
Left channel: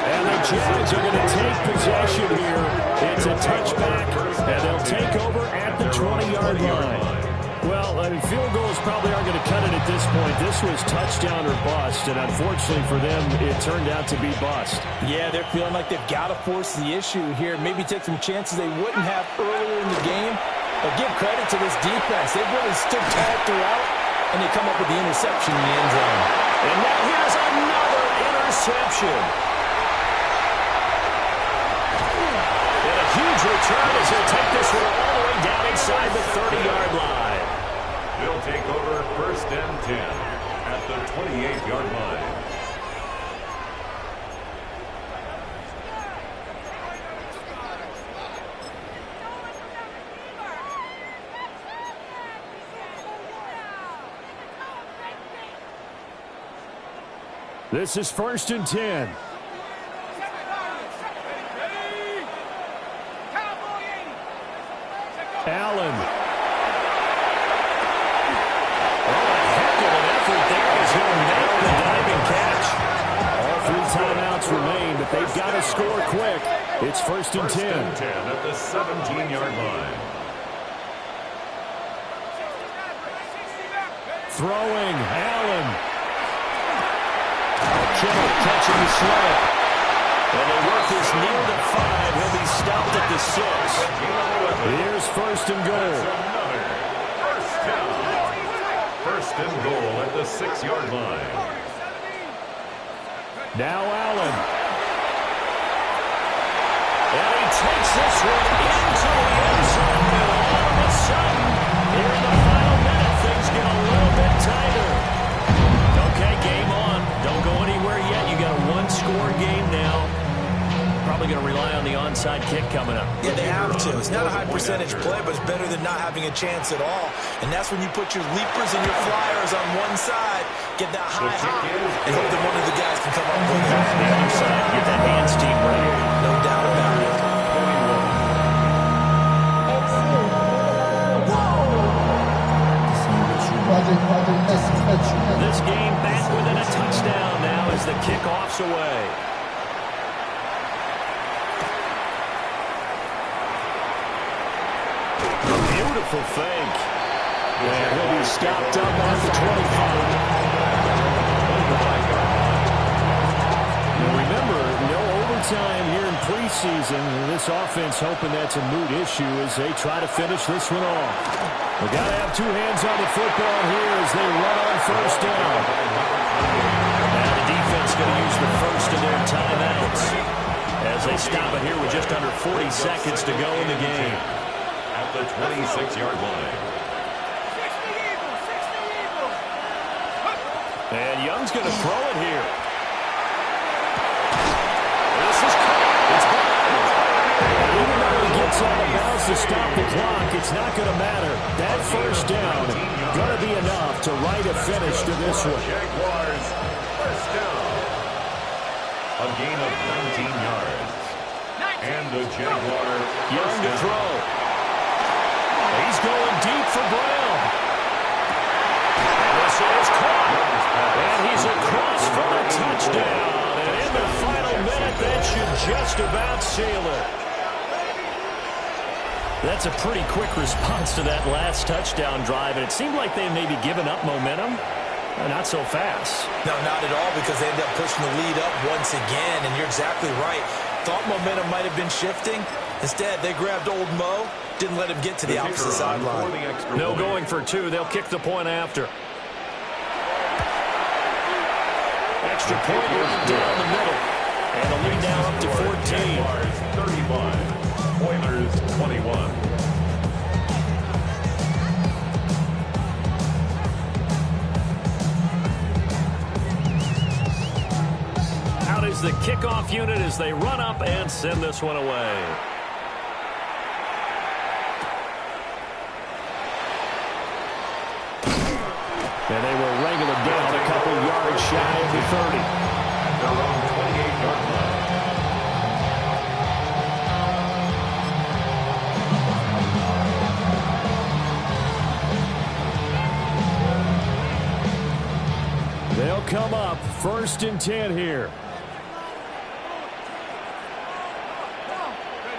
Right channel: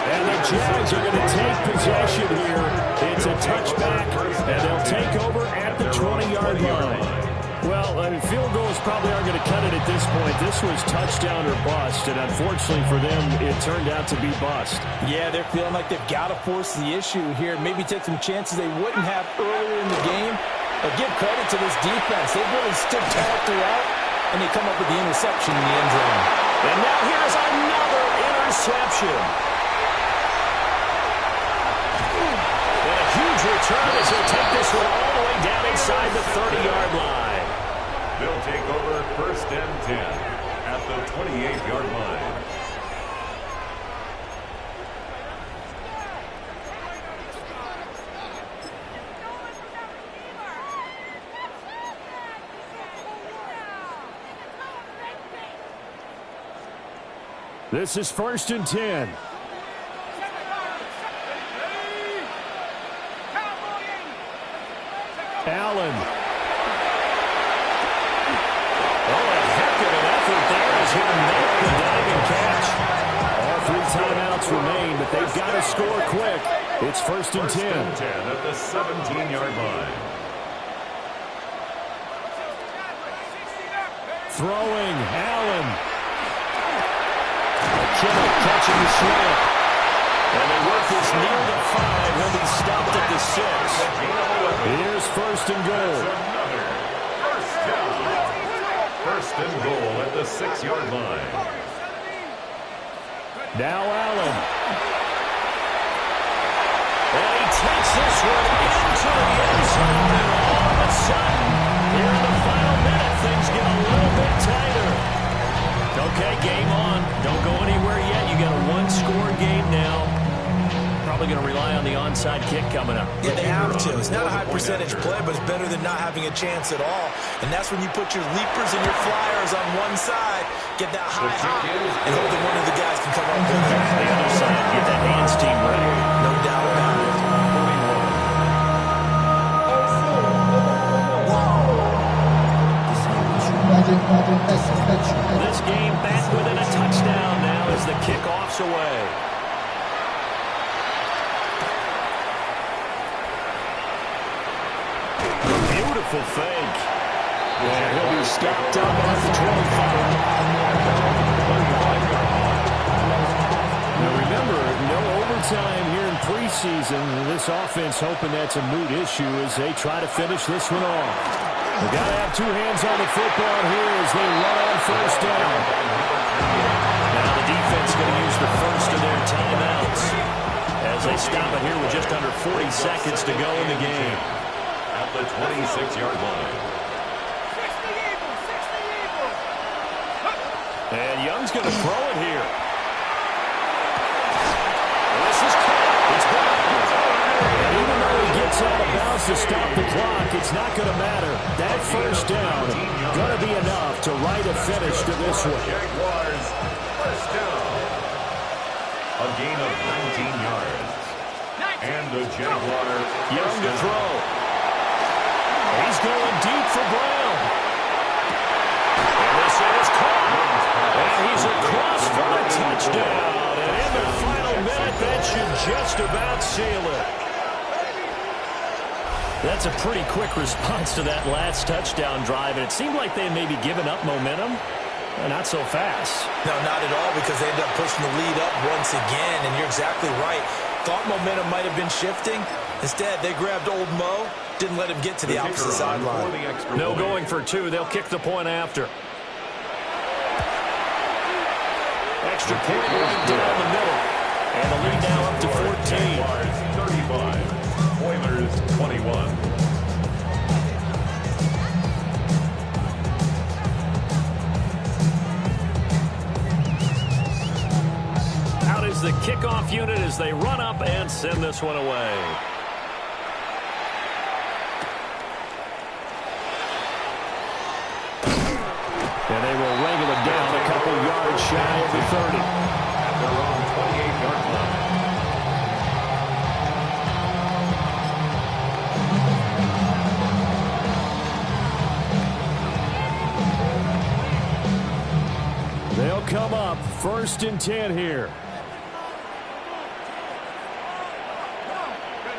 And the Jags are going to take possession here. It's a touchback, and they'll take over at the 20-yard line. Well, I mean, field goals probably aren't going to cut it at this point. This was touchdown or bust, and unfortunately for them, it turned out to be bust. Yeah, they're feeling like they've got to force the issue here. Maybe take some chances they wouldn't have earlier in the game. But give credit to this defense. They've really stood tall throughout, and they come up with the interception in the end zone. And now here's another interception. And a huge return as he'll take this one all the way play down inside the 30-yard line. They'll take over 1st and 10 at the 28-yard line. This is 1st and 10. Allen. Oh, what a heck of an effort there as he nailed the diving catch. All 3 timeouts remain, but they've got to score quick. It's 1st and 10. 1st and 10 at the 17-yard line. Throwing, Allen. Kittle catching the slant. And they work this near the 5. He'll be stopped at the 6. Here's 1st and goal. That's another first down. 1st and goal at the 6-yard line. Now Allen. And he takes this one into the end zone. And all of a sudden, here in the final minute, things get a little bit tighter. Okay, game on. Don't go anywhere yet. You got a 1-score game now. Probably going to rely on the onside kick coming up. Yeah, they have to. It's not a high percentage play, but it's better than not having a chance at all. And that's when you put your leapers and your flyers on one side, get that high hop, and hope that one of the guys can come up with it. The other side, get that hands team ready. No doubt about it. This game back within a touchdown now as the kickoff's away. A beautiful fake. And he'll be stopped up at the 25. Now remember, no overtime here in preseason. This offense hoping that's a moot issue as they try to finish this one off. They've got to have 2 hands on the football here as they run on 1st down. Now the defense going to use the first of their timeouts as they stop it here with just under 40 seconds to go in the game. At the 26-yard line. And Young's going to throw it here. This is caught. It's blocked. And even though he gets out of bounds to stop the clock, it's not going to matter. That 1st down going to be enough to write a finish to this one. Jaguars, 1st down. A gain of 19 yards. And the Jaguar Young to throw. He's going deep for Brown. And this is caught. And he's across for a touchdown. And in the final minute, that should just about seal it. That's a pretty quick response to that last touchdown drive. And it seemed like they maybe given up momentum. Not so fast. No, not at all, because they ended up pushing the lead up once again. And you're exactly right. Thought momentum might have been shifting. Instead, they grabbed old Mo. Didn't let him get to the opposite sideline. No going for 2. They'll kick the point after. Extra point right down the middle. And the lead now up to 14. 35. Oilers 21. Out is the kickoff unit as they run up and send this one away. And they will wrangle it down a couple yards shy of the 30. At their own 28-yard line. They'll come up 1st and 10 here.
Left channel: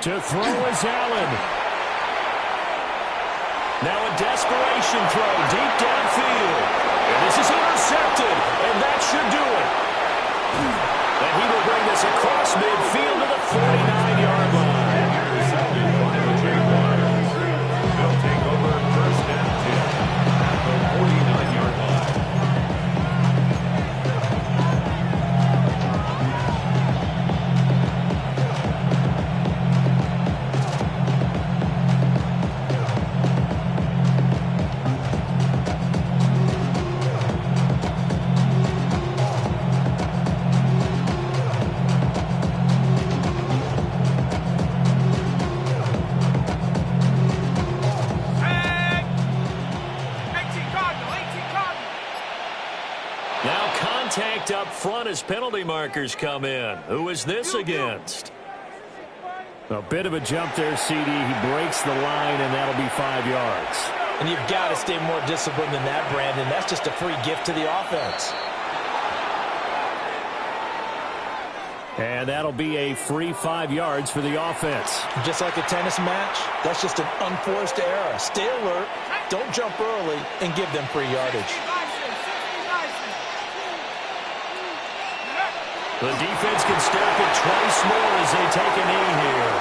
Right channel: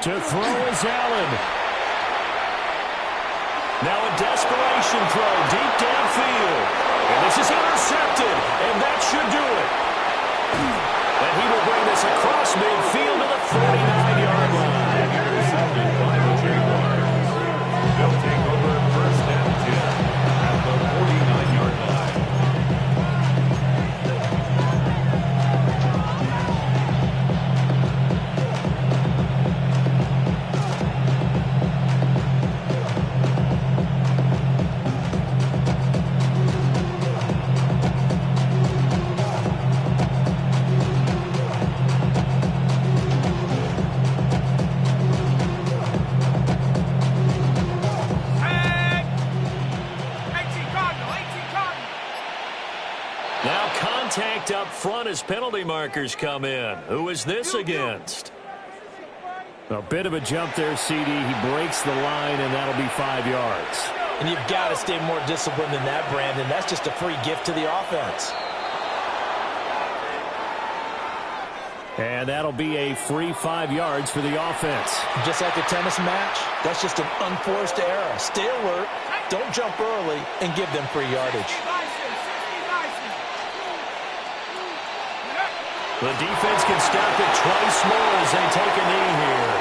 To throw is Allen. Now a desperation throw deep downfield. And this is intercepted. And that should do it. And he will bring this across midfield to the 49-yard line. Intercepted by the Jaguars. They'll take over 1st and 10 at the 49-yard line. picked up front as penalty markers come in. Who is this against? A bit of a jump there, CD. He breaks the line, and that'll be 5 yards. And you've got to stay more disciplined than that, Brandon. That's just a free gift to the offense. And that'll be a free 5 yards for the offense. Just like a tennis match, that's just an unforced error. Stay alert, don't jump early, and give them free yardage. The defense can stop it twice more as they take a knee here.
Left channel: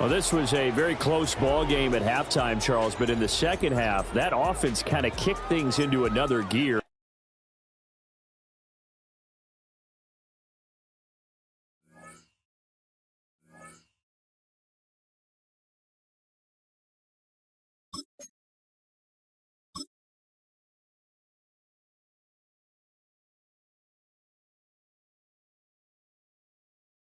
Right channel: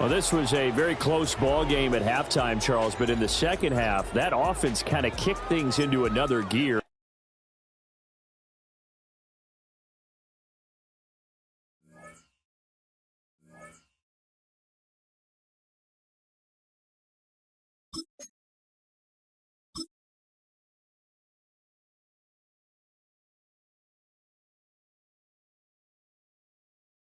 Well, this was a very close ball game at halftime, Charles, but in the second half, that offense kind of kicked things into another gear.